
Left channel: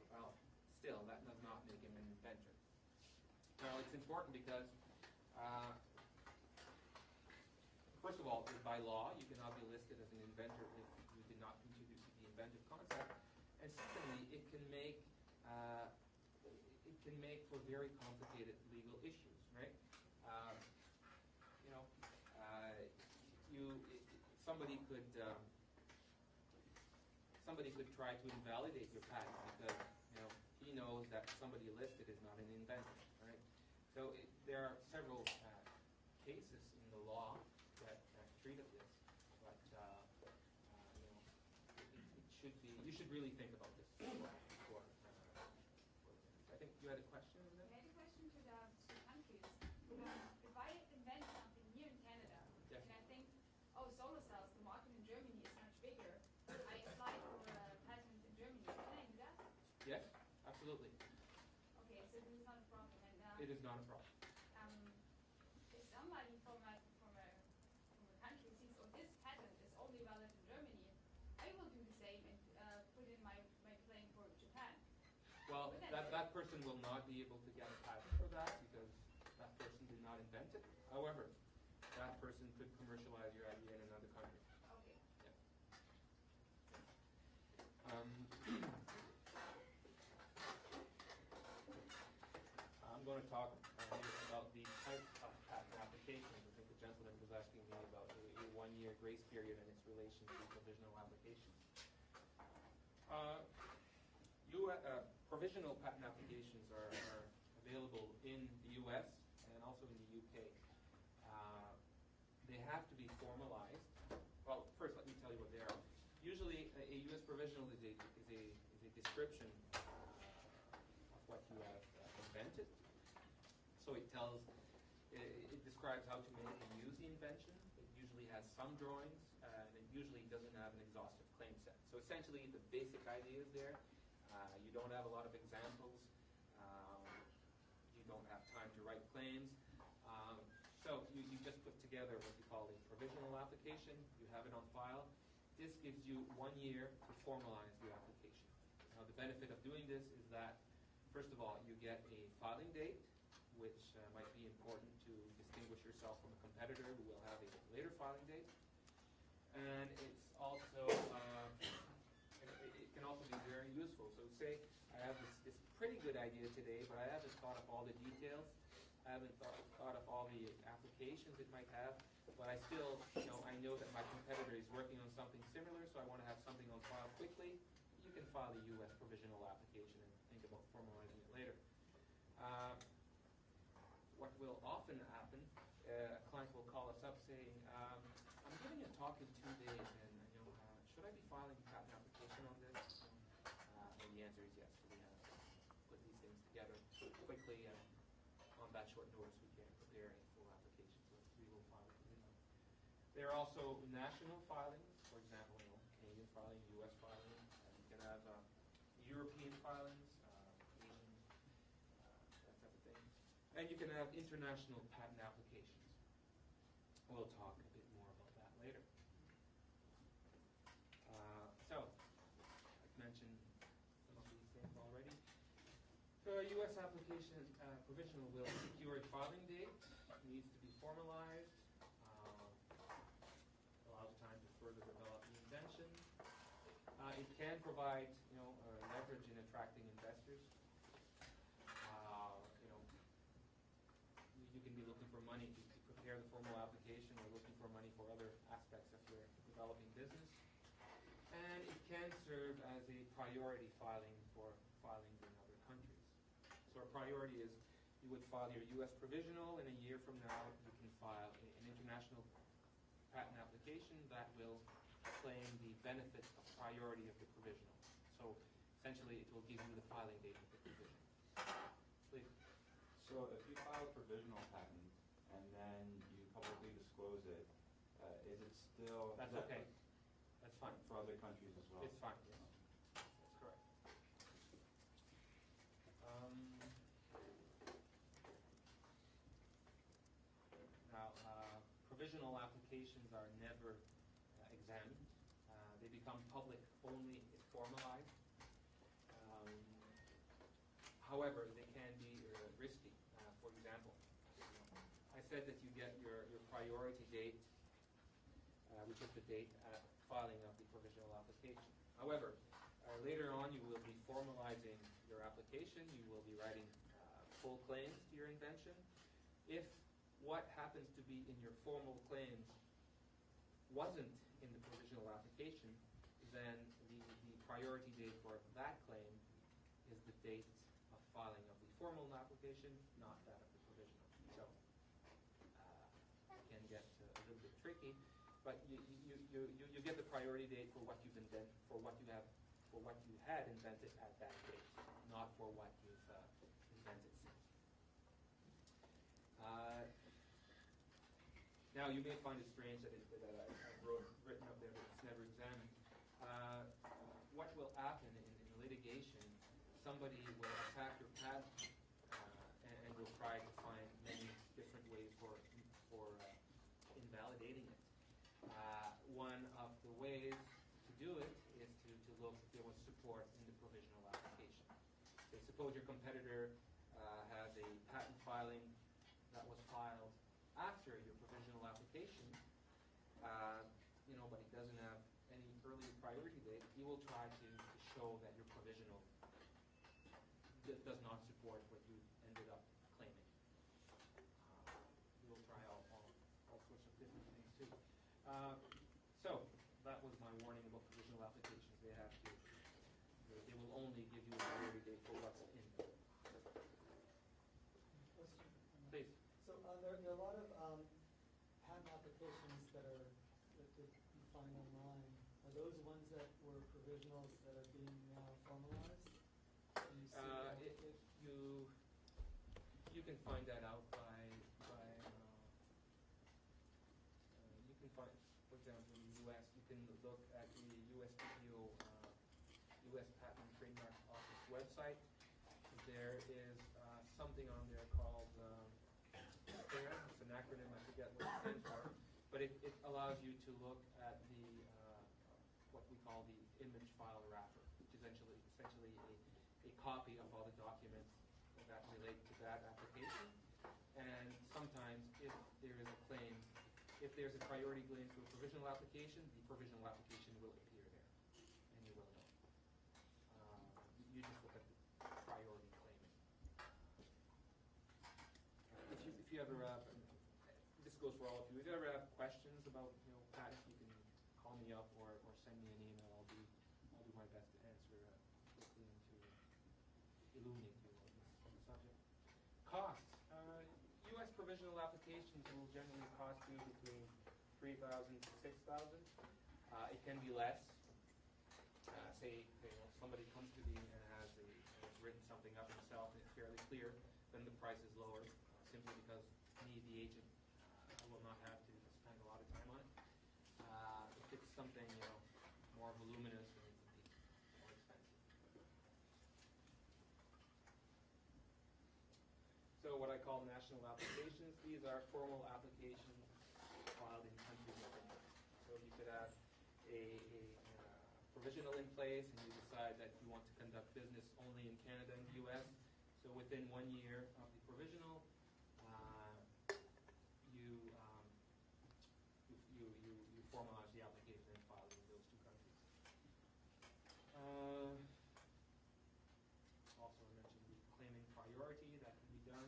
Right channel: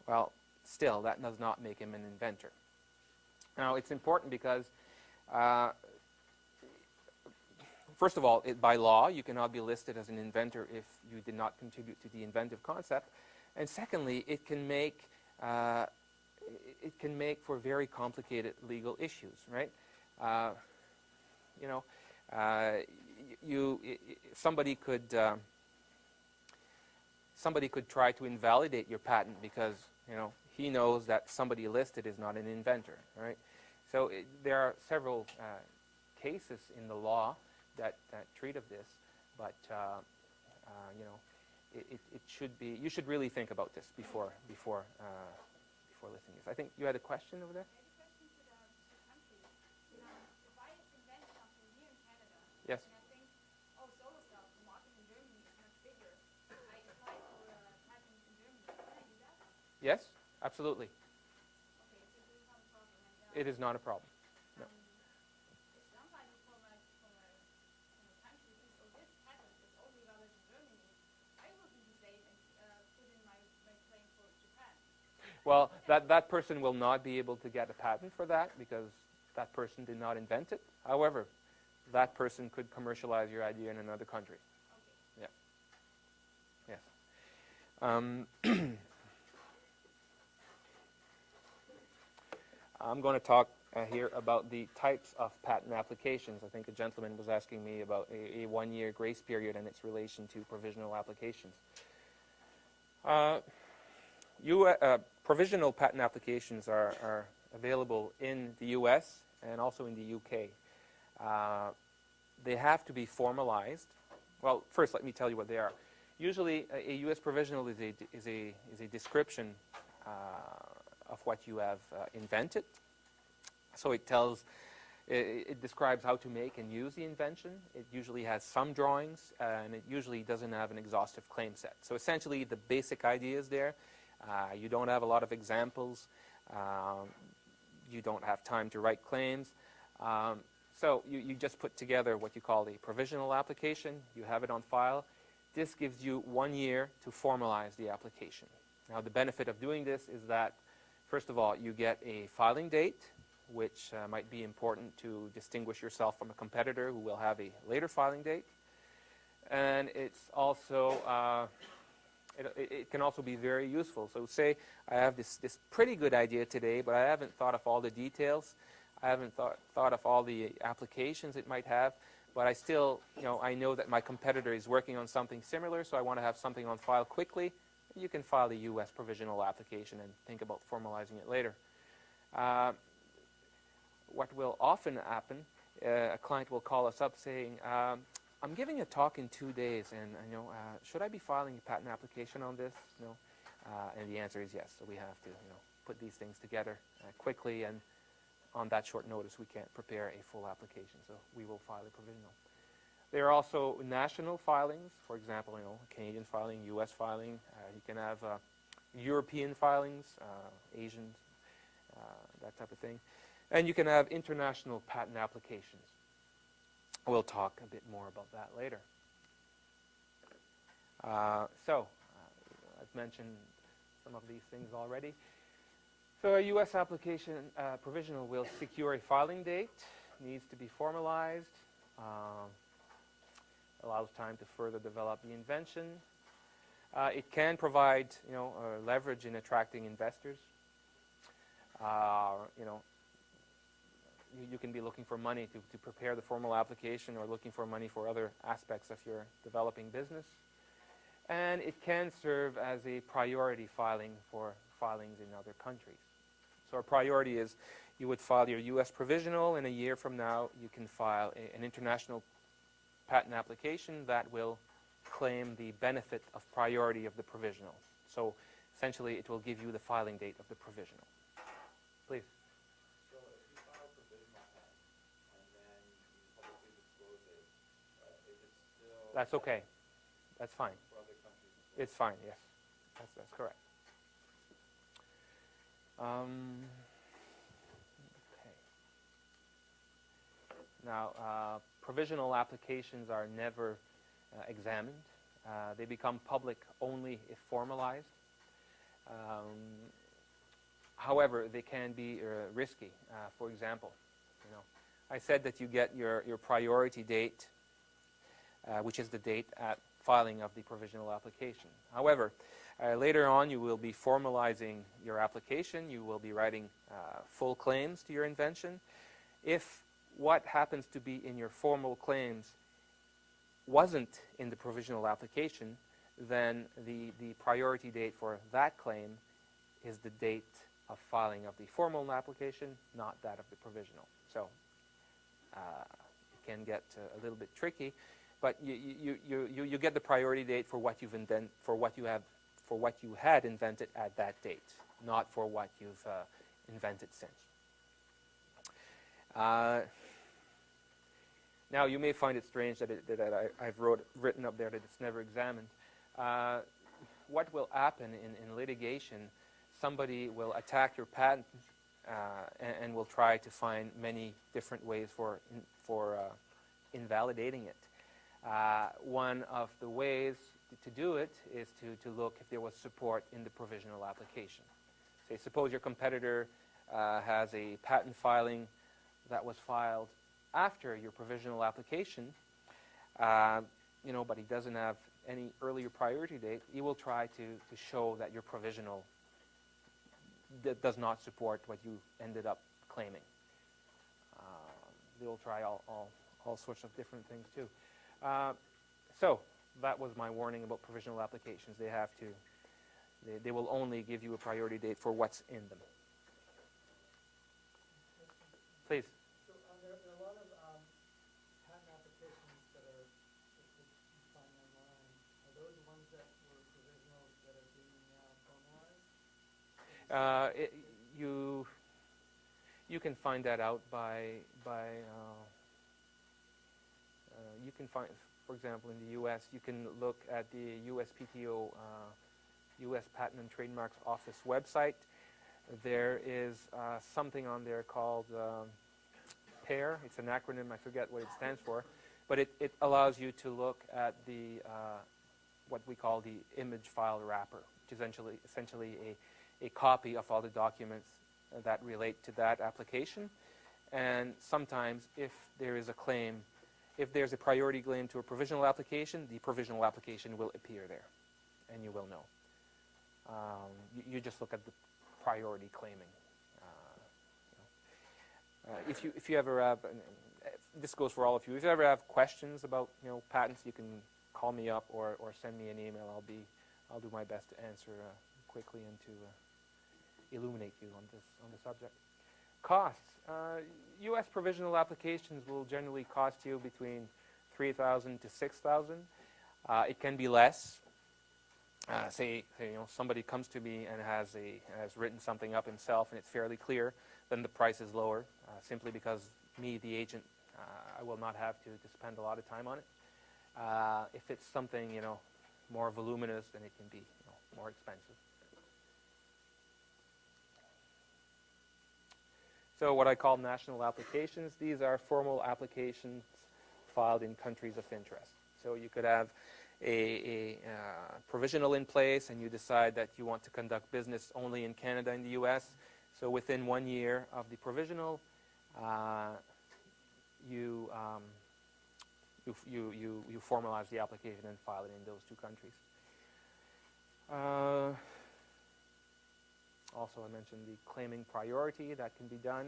well, still, that does not make him an inventor. Now, it's important because, first of all, by law, you cannot be listed as an inventor if you did not contribute to the inventive concept. And secondly, it can make for very complicated legal issues, right? Somebody could try to invalidate your patent because he knows that somebody listed is not an inventor, right? So there are several cases in the law that treat of this, but it should be. You should really think about this before listing this. I think you had a question over there. I had a question to the countries. If I invent something here in Canada, Yes. and I think, solar cells, the market in Germany is much bigger, I apply for a patent in Germany. Can I do that? Yes, absolutely. Okay, so this is not a problem. And, It is not a problem. if somebody from a country thinks, this patent is only valid in Germany, I will do the same and put in my claim for Japan. Well, that person will not be able to get a patent for that because that person did not invent it. However, that person could commercialize your idea in another country. Okay. Yeah. Yeah. I'm going to talk here about the types of patent applications. I think a gentleman was asking me about a one-year grace period and its relation to provisional applications. Provisional patent applications are available in the U.S. and also in the U.K. They have to be formalized. Well, first let me tell you what they are. Usually a U.S. provisional is a description of what you have invented. So it describes how to make and use the invention. It usually has some drawings, and it usually doesn't have an exhaustive claim set. So essentially the basic idea is there. You don't have a lot of examples. You don't have time to write claims. So you just put together what you call a provisional application. You have it on file. This gives you 1 year to formalize the application. Now, the benefit of doing this is that, first of all, you get a filing date, which might be important to distinguish yourself from a competitor who will have a later filing date. And it's also, it can also be very useful. So say I have this pretty good idea today, but I haven't thought of all the details. I haven't thought of all the applications it might have. But I still, I know that my competitor is working on something similar, so I want to have something on file quickly. You can file the U.S. provisional application and think about formalizing it later. What will often happen, a client will call us up saying, I'm giving a talk in 2 days, and should I be filing a patent application on this? And the answer is yes. So we have to put these things together quickly, and on that short notice we can't prepare a full application, so we will file a provisional. There are also national filings, for example, Canadian filing, U.S. filing. You can have European filings, Asian, that type of thing. And you can have international patent applications. We'll talk a bit more about that later. I've mentioned some of these things already. So a U.S. application provisional will secure a filing date, needs to be formalized, allows time to further develop the invention. It can provide, leverage in attracting investors. You can be looking for money to prepare the formal application, or looking for money for other aspects of your developing business. And it can serve as a priority filing for filings in other countries. So a priority is you would file your U.S. provisional, and a year from now you can file an international patent application that will claim the benefit of priority of the provisional. So essentially it will give you the filing date of the provisional. Please. So if you file a provisional patent and then you publicly disclose it, is it still... That's okay. That's fine. For other countries as well? It's fine, yes. That's correct. Now, provisional applications are never examined. They become public only if formalized. However, they can be risky. For example, I said that you get your priority date, which is the date at filing of the provisional application. However, later on you will be formalizing your application. You will be writing full claims to your invention. If what happens to be in your formal claims wasn't in the provisional application, then the priority date for that claim is the date of filing of the formal application, not that of the provisional. So it can get a little bit tricky, but you get the priority date for what you've invented, for what you had invented at that date, not for what you've invented since. Now, you may find it strange that I've written up there that it's never examined. What will happen in litigation, somebody will attack your patent and will try to find many different ways for invalidating it. One of the ways to do it is to look if there was support in the provisional application. Say, suppose your competitor has a patent filing that was filed after your provisional application, but he doesn't have any earlier priority date. He will try to show that your provisional does not support what you ended up claiming. They will try all sorts of different things too. So that was my warning about provisional applications. They will only give you a priority date for what's in them. Please. So there are a lot of patent applications that you find online. Are those ones that were provisionals that are being formalized? You can find that out by you can find, for example, in the U.S., you can look at the USPTO, U.S. Patent and Trademark Office website. There is something on there called PAIR. It's an acronym. I forget what it stands for, but it allows you to look at the what we call the image file wrapper, which is essentially a copy of all the documents that relate to that application. And sometimes, if there is a claim, if there's a priority claim to a provisional application, the provisional application will appear there, and you will know. You just look at the priority claiming. If you ever have, this goes for all of you. If you ever have questions about patents, you can call me up or send me an email. I'll do my best to answer quickly and to illuminate you on the subject. Costs. U.S. provisional applications will generally cost you between $3,000 to $6,000. It can be less. Say somebody comes to me and has written something up himself and it's fairly clear, then the price is lower, simply because me, the agent, I will not have to spend a lot of time on it. If it's something more voluminous, then it can be more expensive. So what I call national applications, these are formal applications filed in countries of interest. So you could have a provisional in place and you decide that you want to conduct business only in Canada and the U.S. So within 1 year of the provisional, you formalize the application and file it in those two countries. Also, I mentioned the claiming priority. That can be done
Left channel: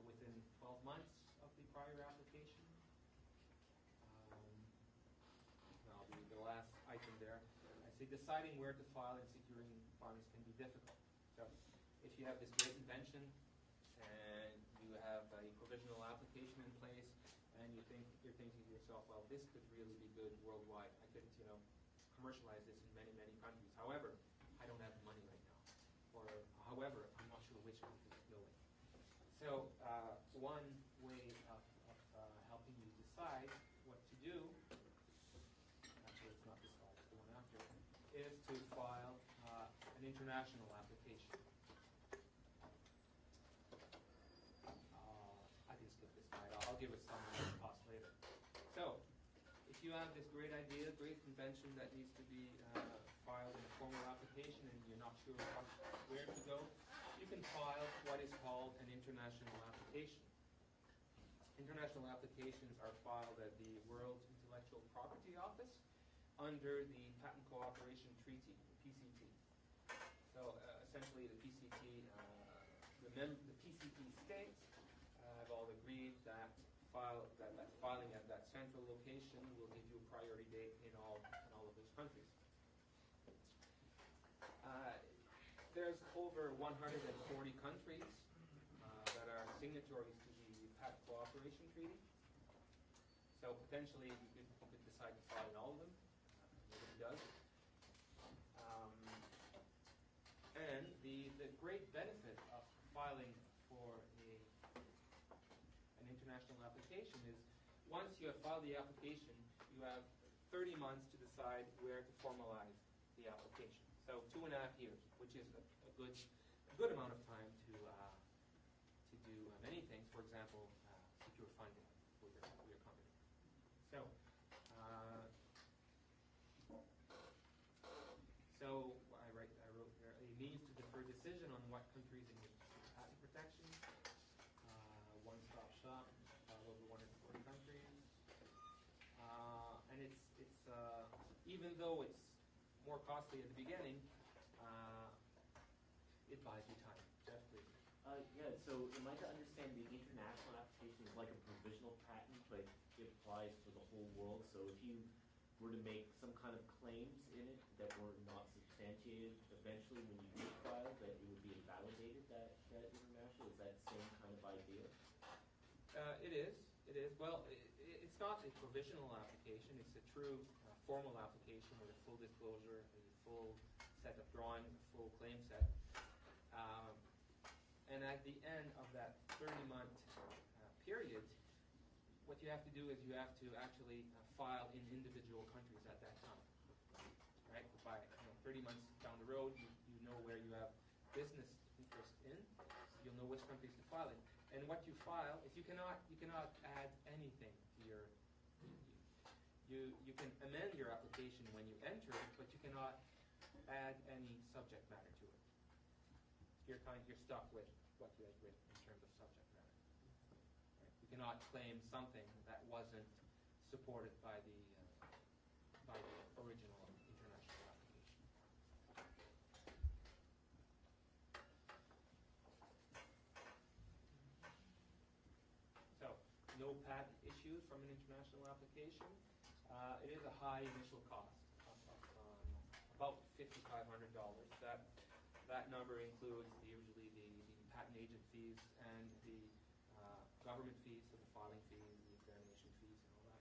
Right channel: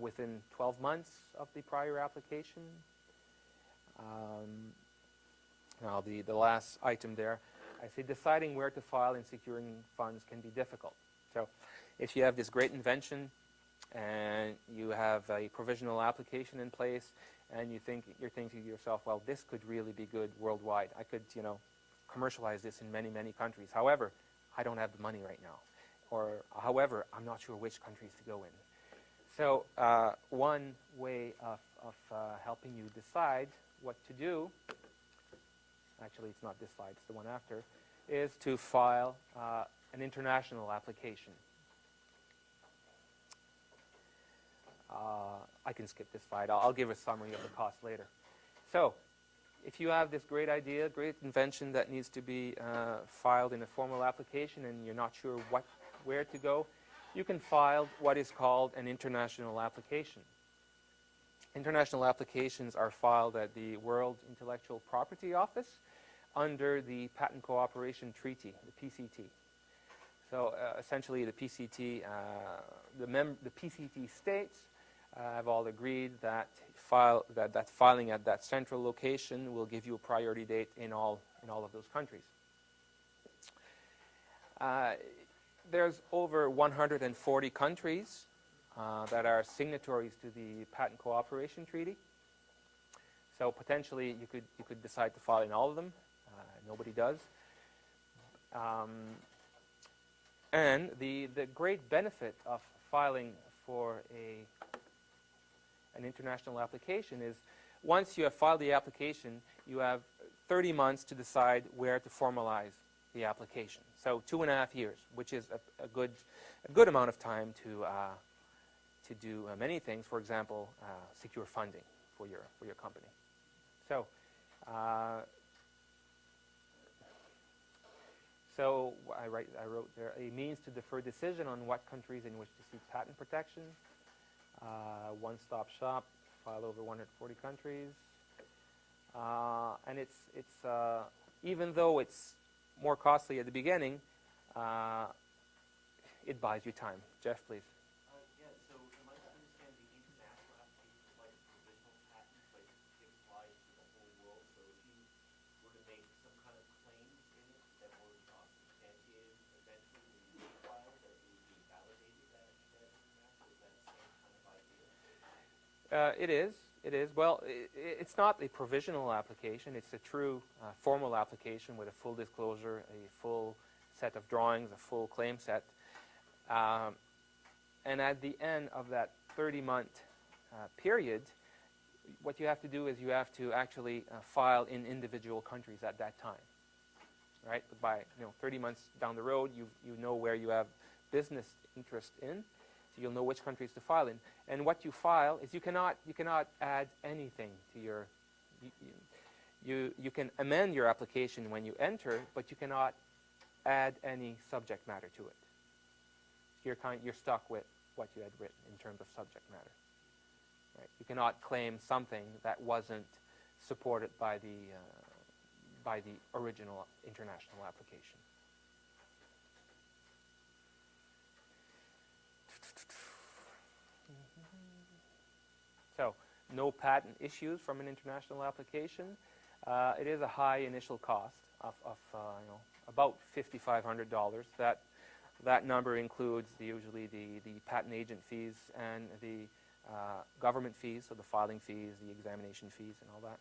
within 12 months of the prior application. Now, the last item there, I say deciding where to file and securing funds can be difficult. So if you have this great invention and you have a provisional application in place and you're thinking to yourself, well, this could really be good worldwide. I could, commercialize this in many, many countries. However, I don't have the money right now. Or, however, I'm not sure which countries to go in. So one way of helping you decide what to do, actually it's not this slide, it's the one after, is to file an international application. I can skip this slide. I'll give a summary of the cost later. So, if you have this great idea, great invention that needs to be filed in a formal application and you're not sure where to go, you can file what is called an international application. International applications are filed at the World Intellectual Property Office under the Patent Cooperation Treaty, the PCT. So essentially the PCT, the PCT states have all agreed that filing at that central location will give you a priority date in all of those countries. There's over 140 countries that are signatories to the Patent Cooperation Treaty. So potentially you could decide to file in all of them. Nobody does. And the great benefit of filing for an international application is once you have filed the application, you have 30 months to decide where to formalize the application. So 2.5 years, which is a good amount of time to do many things. For example, secure funding for your company. So. So I wrote there a means to defer decision on what countries in which to seek patent protection. One-stop shop, file over 140 countries, and it's even though it's more costly at the beginning, it buys you time. Jeff, please. Yeah. So am I to understand the international application is like a provisional patent, but it applies for the whole world? So if you were to make some kind of claims in it that were not substantiated, eventually when you do file, that it would be invalidated, that international? Is that the same kind of idea? It is. It is. Well, it's not a provisional application. It's a true formal application with a full disclosure, a full set of drawings, a full claim set. And at the end of that 30-month period, what you have to do is you have to actually file in individual countries at that time, right? But by 30 months down the road, you know where you have business interest in, so you'll know which countries to file in. And what you file is you cannot add anything to your. You can amend your application when you enter, but you cannot add any subject matter to it. You're stuck with what you had written in terms of subject matter. Right? You cannot claim something that wasn't supported by the original international application. So, no patent issues from an international application. It is a high initial cost of about $5,500. That number includes usually the patent agent fees and the government fees, so the filing fees, the examination fees, and all that.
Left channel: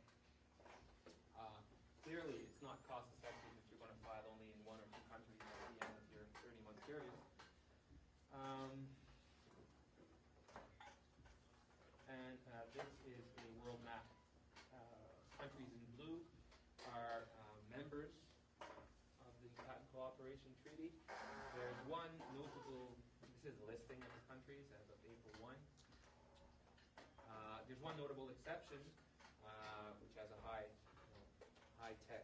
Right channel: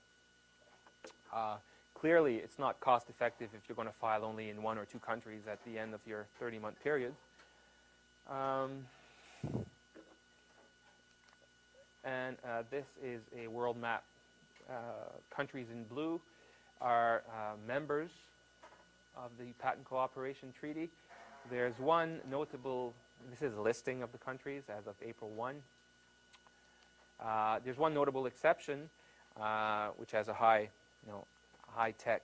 Clearly, it's not cost effective if you're going to file only in 1 or 2 countries at the end of your 30-month period. And this is a world map. Countries in blue are members of the Patent Cooperation Treaty. There's one notable, this is a listing of the countries as of April 1. There's one notable exception, which has a high-tech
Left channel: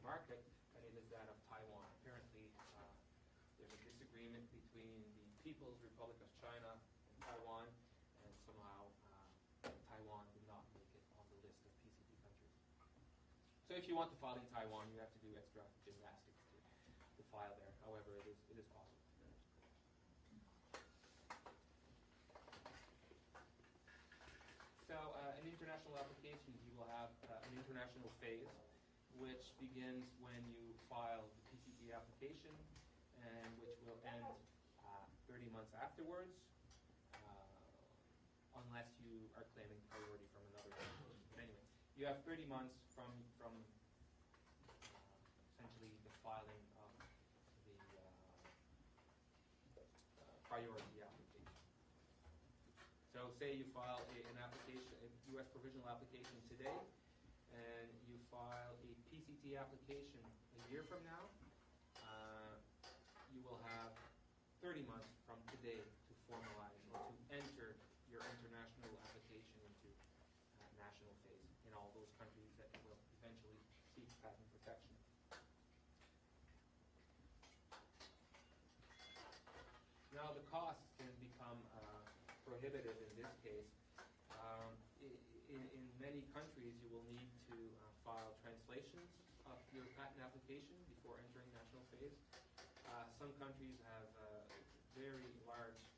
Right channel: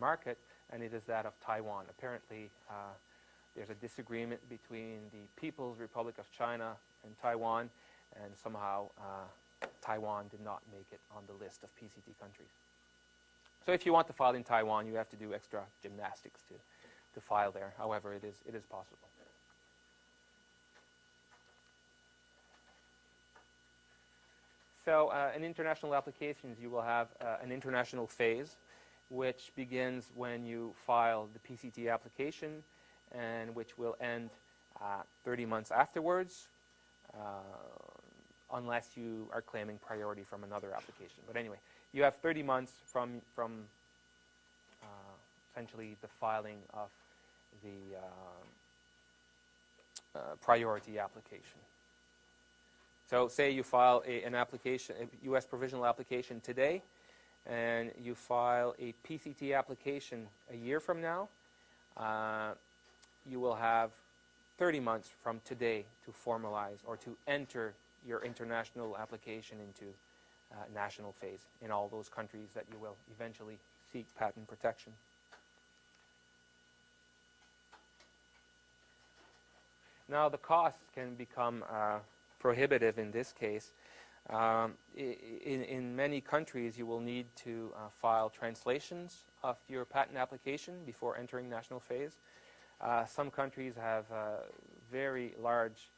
market, and it is that of Taiwan. Apparently, there's a disagreement between the People's Republic of China and Taiwan, and somehow Taiwan did not make it on the list of PCT countries. So if you want to file in Taiwan, you have to do extra gymnastics to file there. However, it is possible. So in international applications, you will have an international phase, which begins when you file the PCT application and which will end 30 months afterwards, unless you are claiming priority from another application. But anyway, you have 30 months from essentially the filing of the priority application. So say you file an application, a U.S. provisional application today, and you file a PCT application a year from now, you will have 30 months from today to formalize or to enter your international application into national phase in all those countries that you will eventually seek patent protection. Now, the costs can become prohibitive in this case. In many countries, you will need to file translations of your patent application before entering national phase. Some countries have very large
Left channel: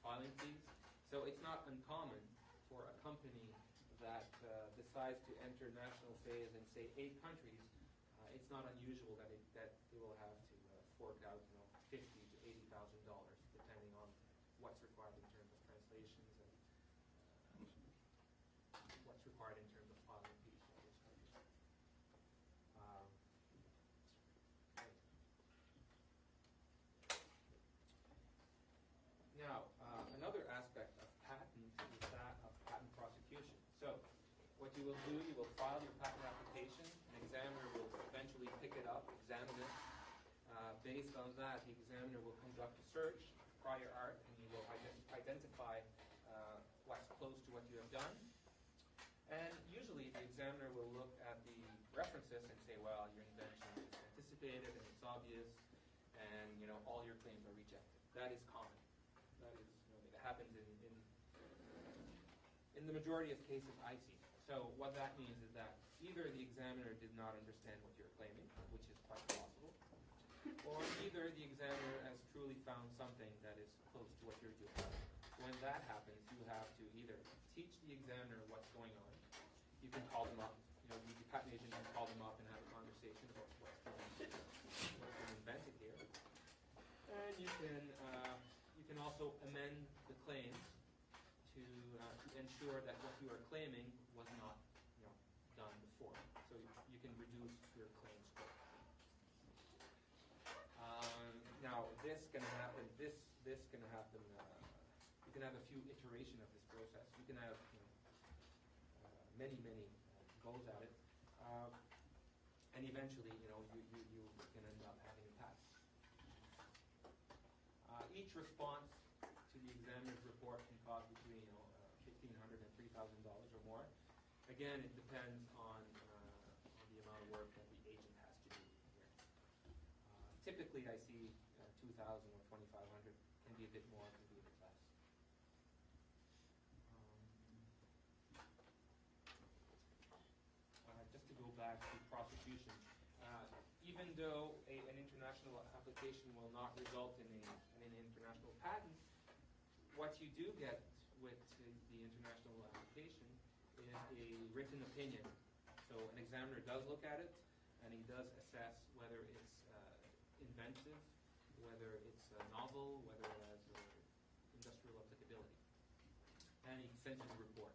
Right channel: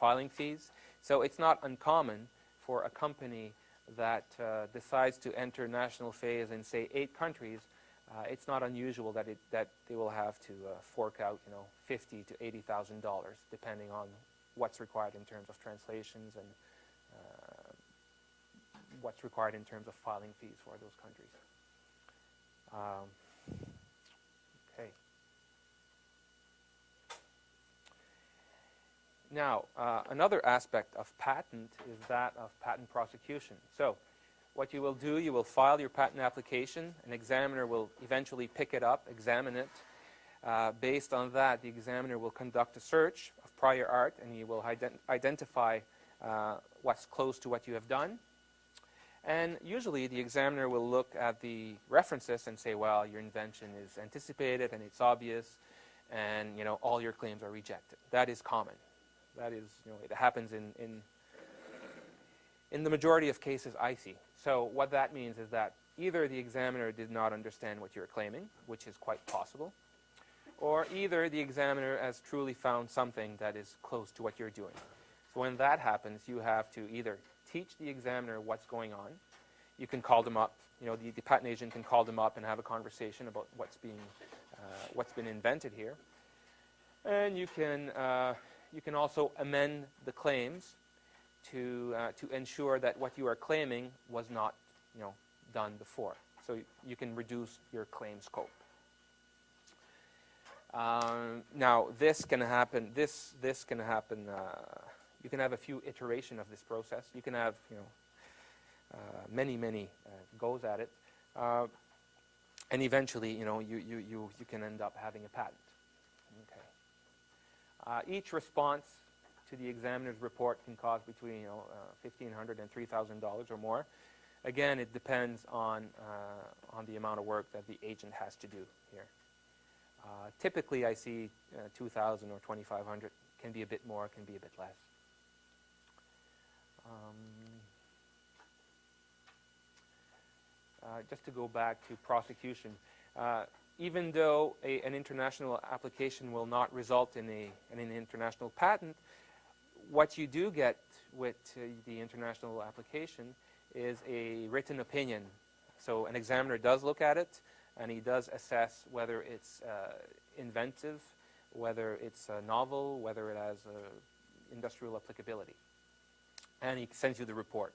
filing fees, so it's not uncommon for a company that decides to enter national phase in, say, 8 countries. It's not unusual that they will have to fork out, $50,000 to $80,000, depending on what's required in terms of translations and what's required in terms of filing fees for those countries. Okay. Now, another aspect of patent is that of patent prosecution. So, what you will do, you will file your patent application. An examiner will eventually pick it up, examine it. Based on that, the examiner will conduct a search of prior art, and you will identify what's close to what you have done. And usually, the examiner will look at the references and say, well, your invention is anticipated, and it's obvious, and all your claims are rejected. That is common. That is, it happens in the majority of cases I see. So what that means is that either the examiner did not understand what you're claiming, which is quite possible, or either the examiner has truly found something that is close to what you're doing. So when that happens, you have to either teach the examiner what's going on. You can call them up. The patent agent can call them up and have a conversation about what's been invented here. And you can also amend the claims to ensure that what you are claiming was not, done before. So you can reduce your claim scope. Now, this can happen. This can happen. You can have a few iterations of this process. You can have, many goes at it, and eventually, you can end up having a patent. Okay. Each response to the examiner's report can cost between $1,500 and $3,000 or more. Again, it depends on the amount of work that the agent has to do here. Typically, I see 2,000 or 2,500. Can be a bit more, can be a bit less. Just to go back to prosecution, even though an international application will not result in an international patent, what you do get with the international application is a written opinion. So an examiner does look at it, and he does assess whether it's inventive, whether it's novel, whether it has industrial applicability. And he sends you the report,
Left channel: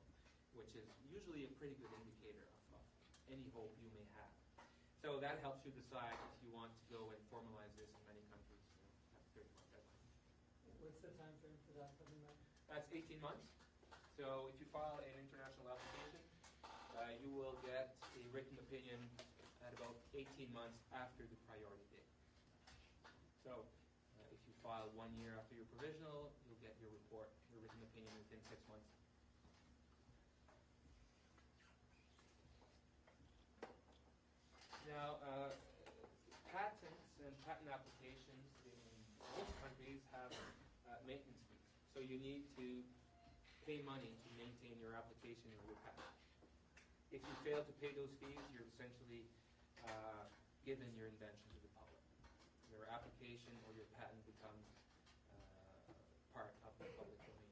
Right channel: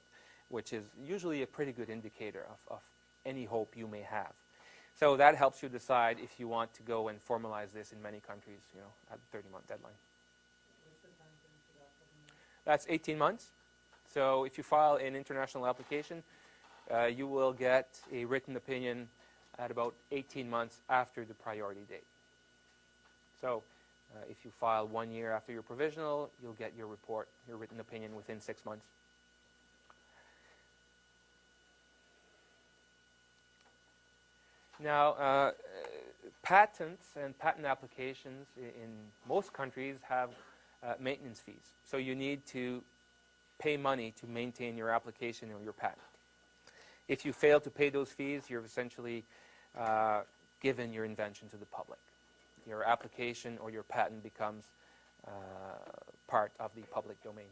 which is usually a pretty good indicator of any hope you may have. So that helps you decide if you want to go and formalize this in many countries, at the 30-month deadline. What's the time frame for that coming up? That's 18 months. So if you file an international application, you will get a written opinion at about 18 months after the priority date. So if you file 1 year after your provisional, you'll get your report, your written opinion within 6 months. Now, patents and patent applications in most countries have maintenance fees. So you need to pay money to maintain your application or your patent. If you fail to pay those fees, you're essentially given your invention to the public. Your application or your patent becomes part of the public domain.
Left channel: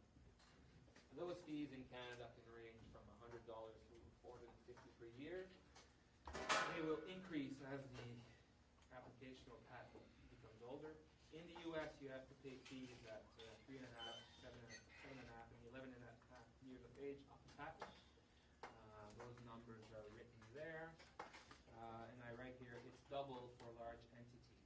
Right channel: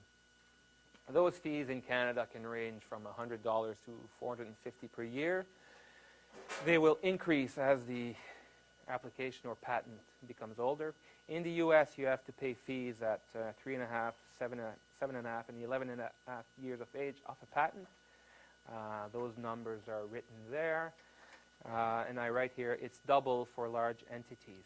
Those fees in Canada can range from $100 to $450 per year. They will increase as the application or patent becomes older. In the U.S., you have to pay fees at 3.5, 7.5, and 11.5 years of age of a patent. Those numbers are written there. And I write here, it's double for large entities.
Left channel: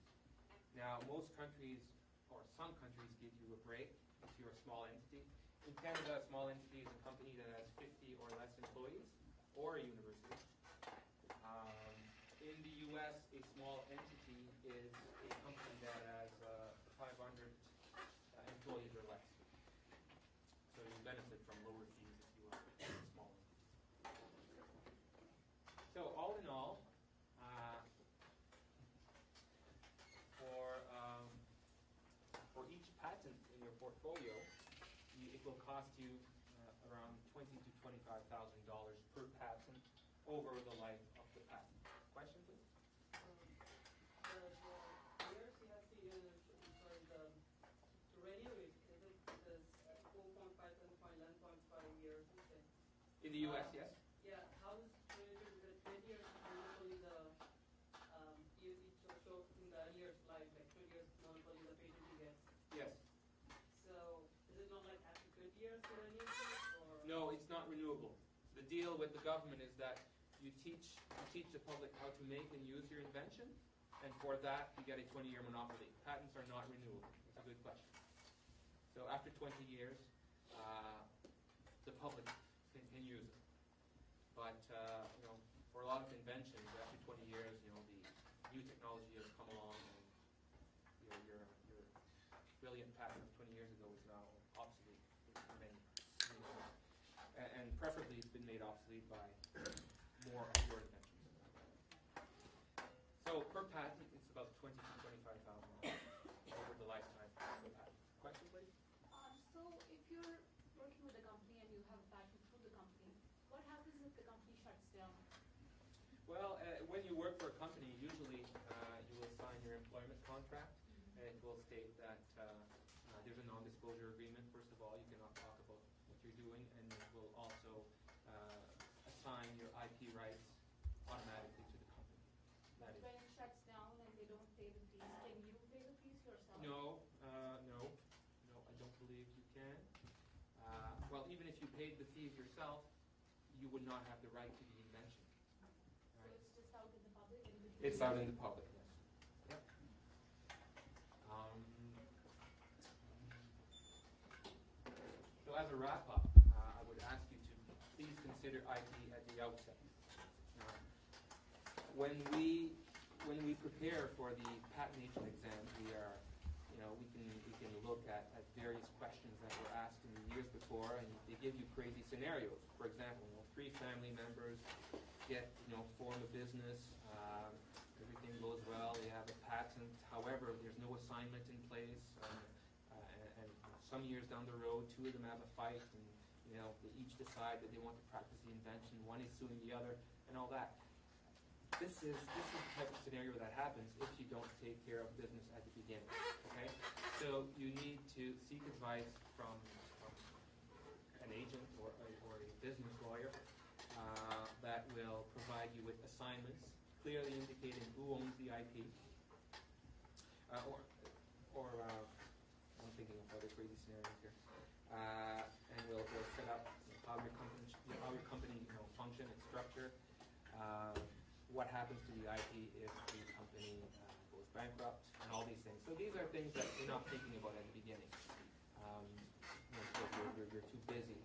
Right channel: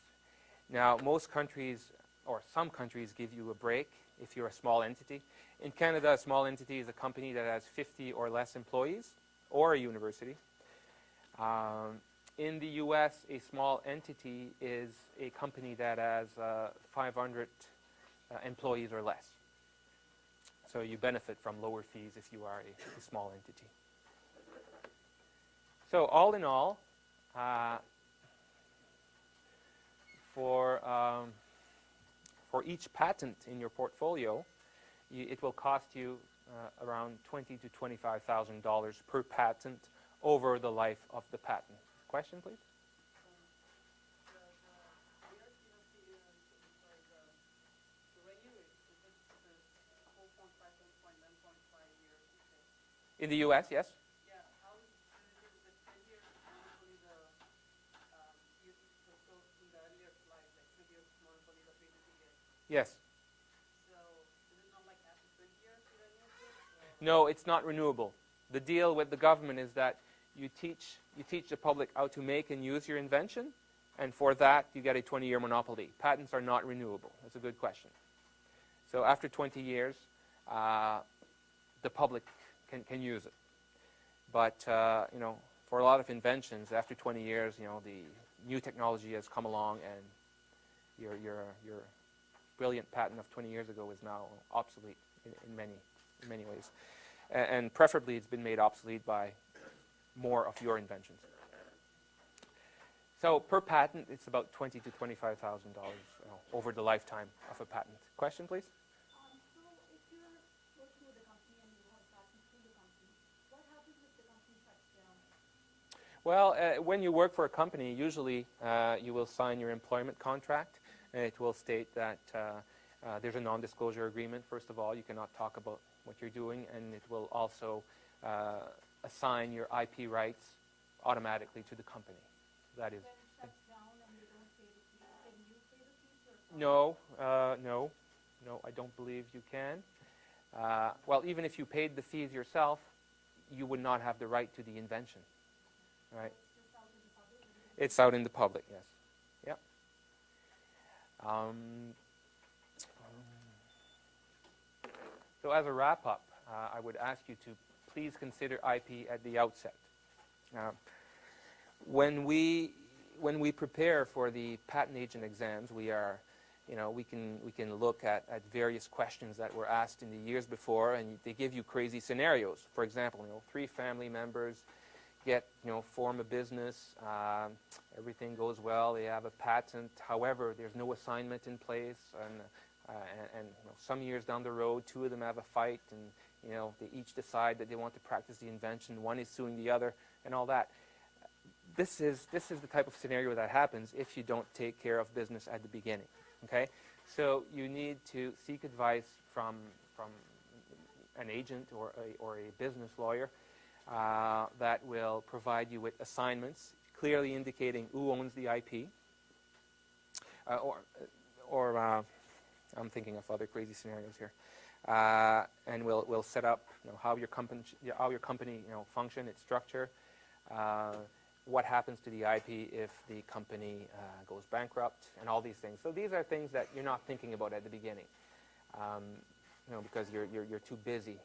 Now, most countries, or some countries, give you a break if you're a small entity. In Canada, a small entity is a company that has 50 or less employees, or a university. In the U.S., a small entity is a company that has 500 employees or less. So you benefit from lower fees if you are a small entity. So all in all, for each patent in your portfolio, it will cost you around $20,000 to $25,000 per patent over the life of the patent. Question, please? The years you have to use for the radio, is it 4.5, 11.5 years? Okay. In the U.S., yes? Yeah, how is it 10 years normally you so in the earlier life, like 20 years normally the patent you get. Yes. So is it not like after 20 years to renew it? No, it's not renewable. The deal with the government is that you teach the public how to make and use your invention, and for that you get a 20-year monopoly. Patents are not renewable. That's a good question. So after 20 years, the public can use it. But for a lot of inventions, after 20 years, the new technology has come along, and your brilliant patent of 20 years ago is now obsolete in many ways. And preferably, it's been made obsolete by more of your inventions. So per patent, it's about $20,000 to $25,000 over the lifetime of a patent. Question, please? So if you're working with a company and you have a patent through the company, what happens if the company shuts down? Well, when you work for a company, usually you will sign your employment contract, and it will state that there's a non-disclosure agreement. First of all, you cannot talk about what you're doing, and it will also assign your IP rights automatically to the company. That is. When it shuts down and you don't pay the fees, can you pay the fees yourself? No, I don't believe you can. Well, even if you paid the fees yourself, you would not have the right to the invention, right? So it's just out in the public? It's out in the public, yes. Yep. So as a wrap-up, I would ask you to please consider IP at the outset. When we prepare for the patent agent exams, we can look at various questions that were asked in the years before, and they give you crazy scenarios. For example, 3 family members form a business, everything goes well, they have a patent. However, there's no assignment in place, and some years down the road, 2 of them have a fight, and they each decide that they want to practice the invention. One is suing the other, and all that. This is the type of scenario that happens if you don't take care of business at the beginning. Okay, so you need to seek advice from an agent or a business lawyer that will provide you with assignments clearly indicating who owns the IP, or I'm thinking of other crazy scenarios here, and we'll set up how your company function, its structure. What happens to the IP if the company goes bankrupt, and all these things. So these are things that you're not thinking about at the beginning, because you're too busy,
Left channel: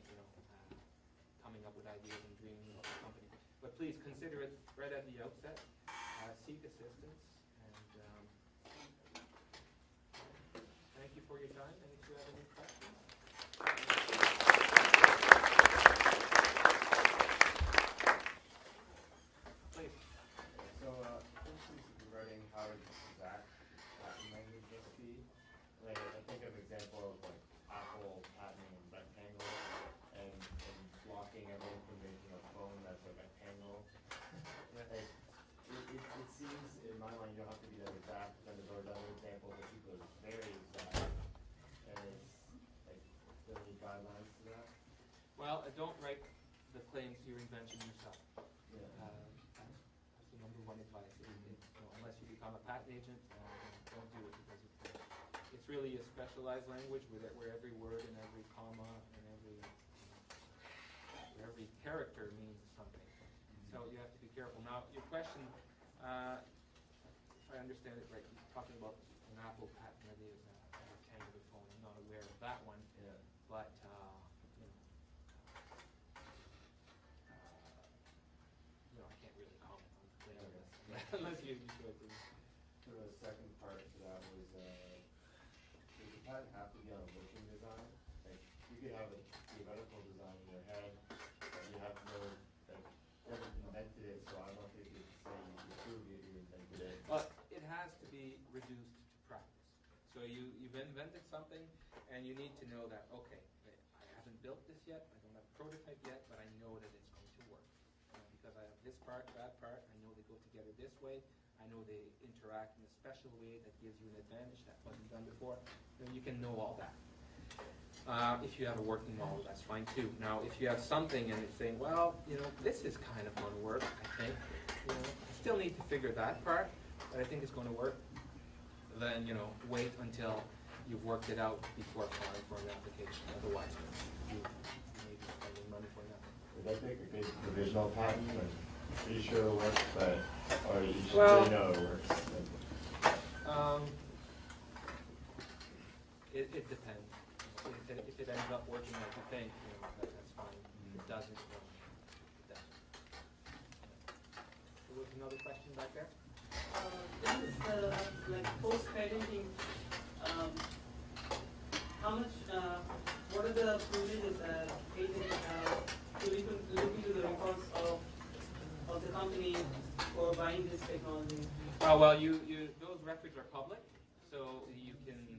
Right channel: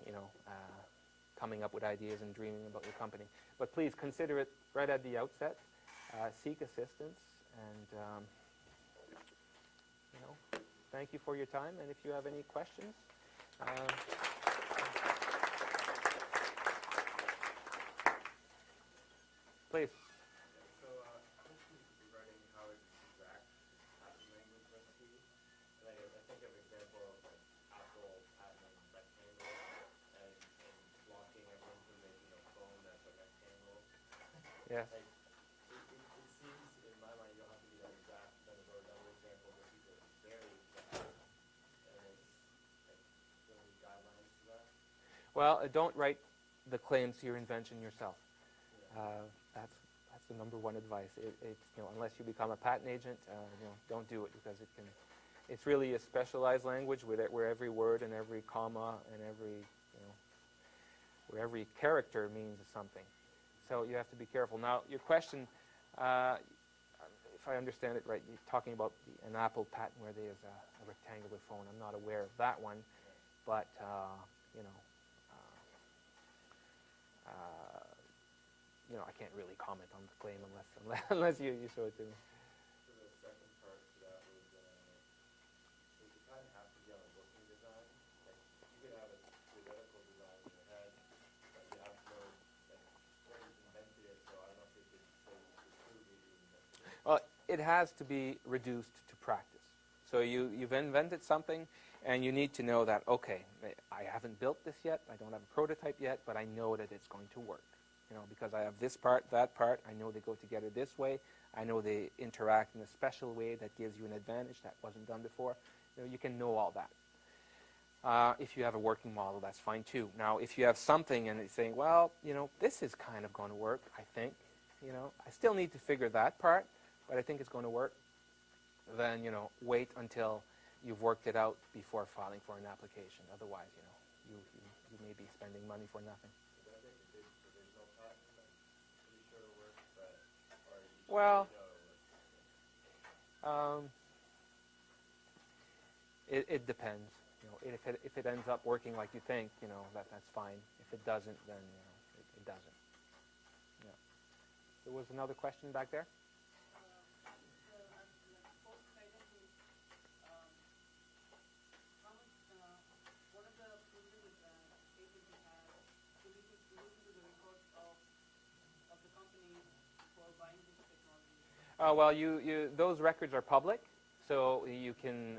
coming up with ideas and dreaming about your company. But please consider it right at the outset. Seek assistance, and thank you for your time. And if you have any questions. Please. So, this is regarding how exact patent language must be. Like, I think of an example of like Apple patenting rectangle and blocking every information on a phone that's a rectangle. Yeah. Like, it seems in my mind you don't have to be that exact, but then there's other examples where people are very exact. And it's like, do any guidelines to that? Well, don't write the claims to your invention yourself. Yeah. That's the number one advice. Unless you become a patent agent, don't do it, because it's really a specialized language where every word and every comma and where every character means something. So you have to be careful. Now, your question, if I understand it right, you're talking about an Apple patent where there's a rectangular phone. I'm not aware of that one, Yeah. but I can't really comment on the claim unless you show it to me. So the second part to that was, does the patent have to be on a looking design? Like, you could have a it has to be reduced to practice. So you've invented something, and you need to know that, okay, I haven't built this yet, I don't have a prototype yet, but I know that it's going to work. Because I have this part, that part, I know they go together this way, I know they interact in a special way that gives you an advantage that wasn't done before. You can know all that. If you have a working model, that's fine too. Now, if you have something and it's saying, well, this is kind of going to work, I think. I still need to figure that part, but I think it's going to work. Then, wait until you've worked it out before filing for an application. Otherwise, you may be spending money for nothing. Would that make a good provisional patent? Like, pretty sure it works, but, or you should Well, really know it works. It depends. If it ends up working like you think, that's fine. If it doesn't, then it doesn't. There was another question back there? This is like post-patenting. How much? What are the privileges that patent have to look into the records of the company for buying this technology? Well, those records are public, so you can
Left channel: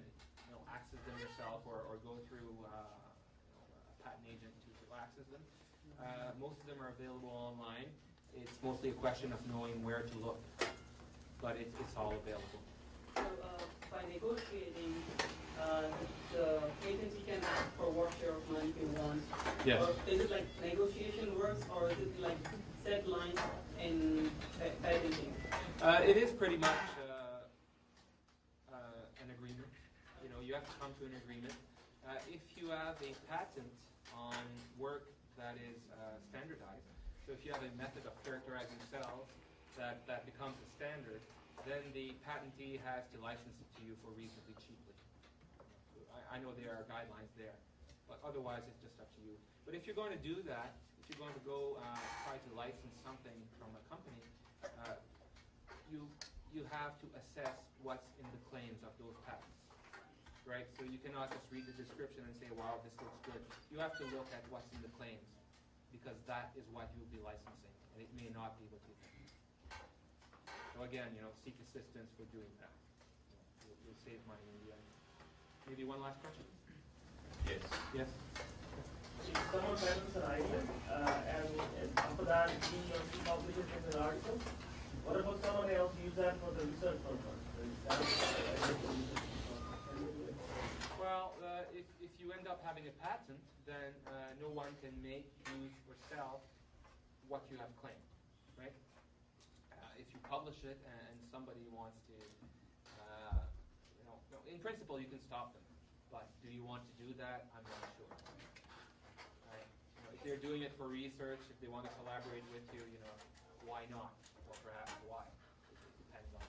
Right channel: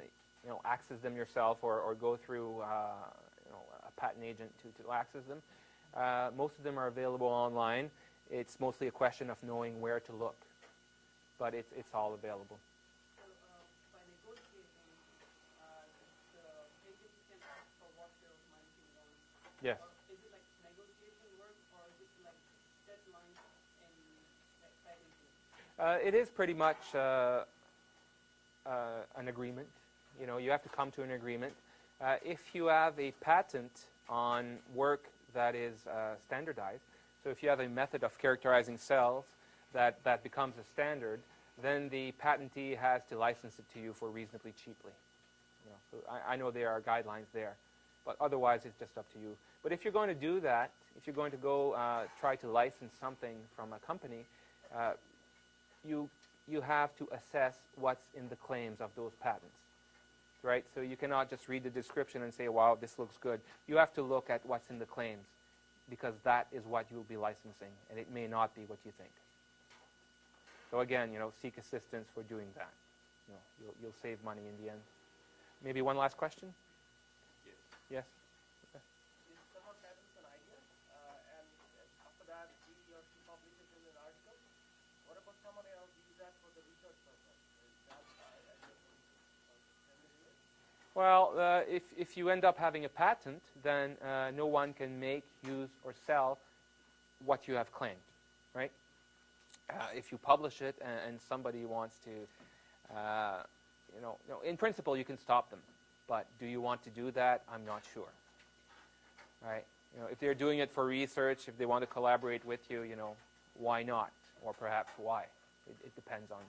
access them yourself or go through a patent agent to access them. Most of them are available online. It's mostly a question of knowing where to look, but it's all available. So by negotiating, the agency can ask for what share of money you want. Yes. Or is it like negotiation works, or is it like set lines in patenting? It is pretty much an agreement. You have to come to an agreement. If you have a patent on work that is standardized, so if you have a method of characterizing cells that becomes a standard, then the patentee has to license it to you for reasonably cheaply. So I know there are guidelines there, but otherwise it's just up to you. But if you're going to do that, if you're going to go try to license something from a company, you have to assess what's in the claims of those patents. Right? So you cannot just read the description and say, wow, this looks good. You have to look at what's in the claims, because that is what you'll be licensing, and it may not be what you think. So again, seek assistance for doing that. You'll save money in the end. Maybe one last question? Yes. Yes? If someone patents an idea, and after that he or she publishes it in an article, what about someone else use that for the research purpose? Well, if you end up having a patent, then no one can make, use, or sell what you have claimed, right? If you publish it and somebody wants to, in principle you can stop them, but do you want to do that? I'm not sure. Right? If they're doing it for research, if they want to collaborate with you, why not? Or perhaps why? It depends on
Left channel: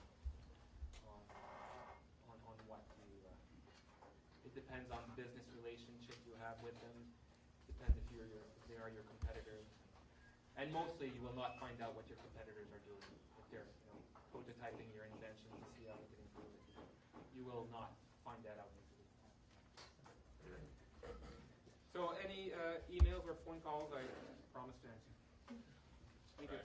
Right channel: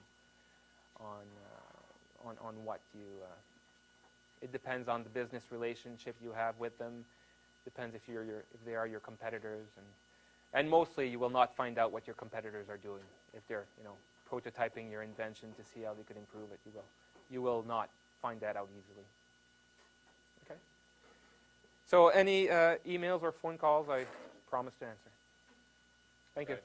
what you. It depends on the business relationship you have with them. Depends if they are your competitors, and mostly you will not find out what your competitors are doing. If they're prototyping your invention to see how they could improve it, you will not find that out easily. Okay. So any emails or phone calls, I promise to answer. Thank you.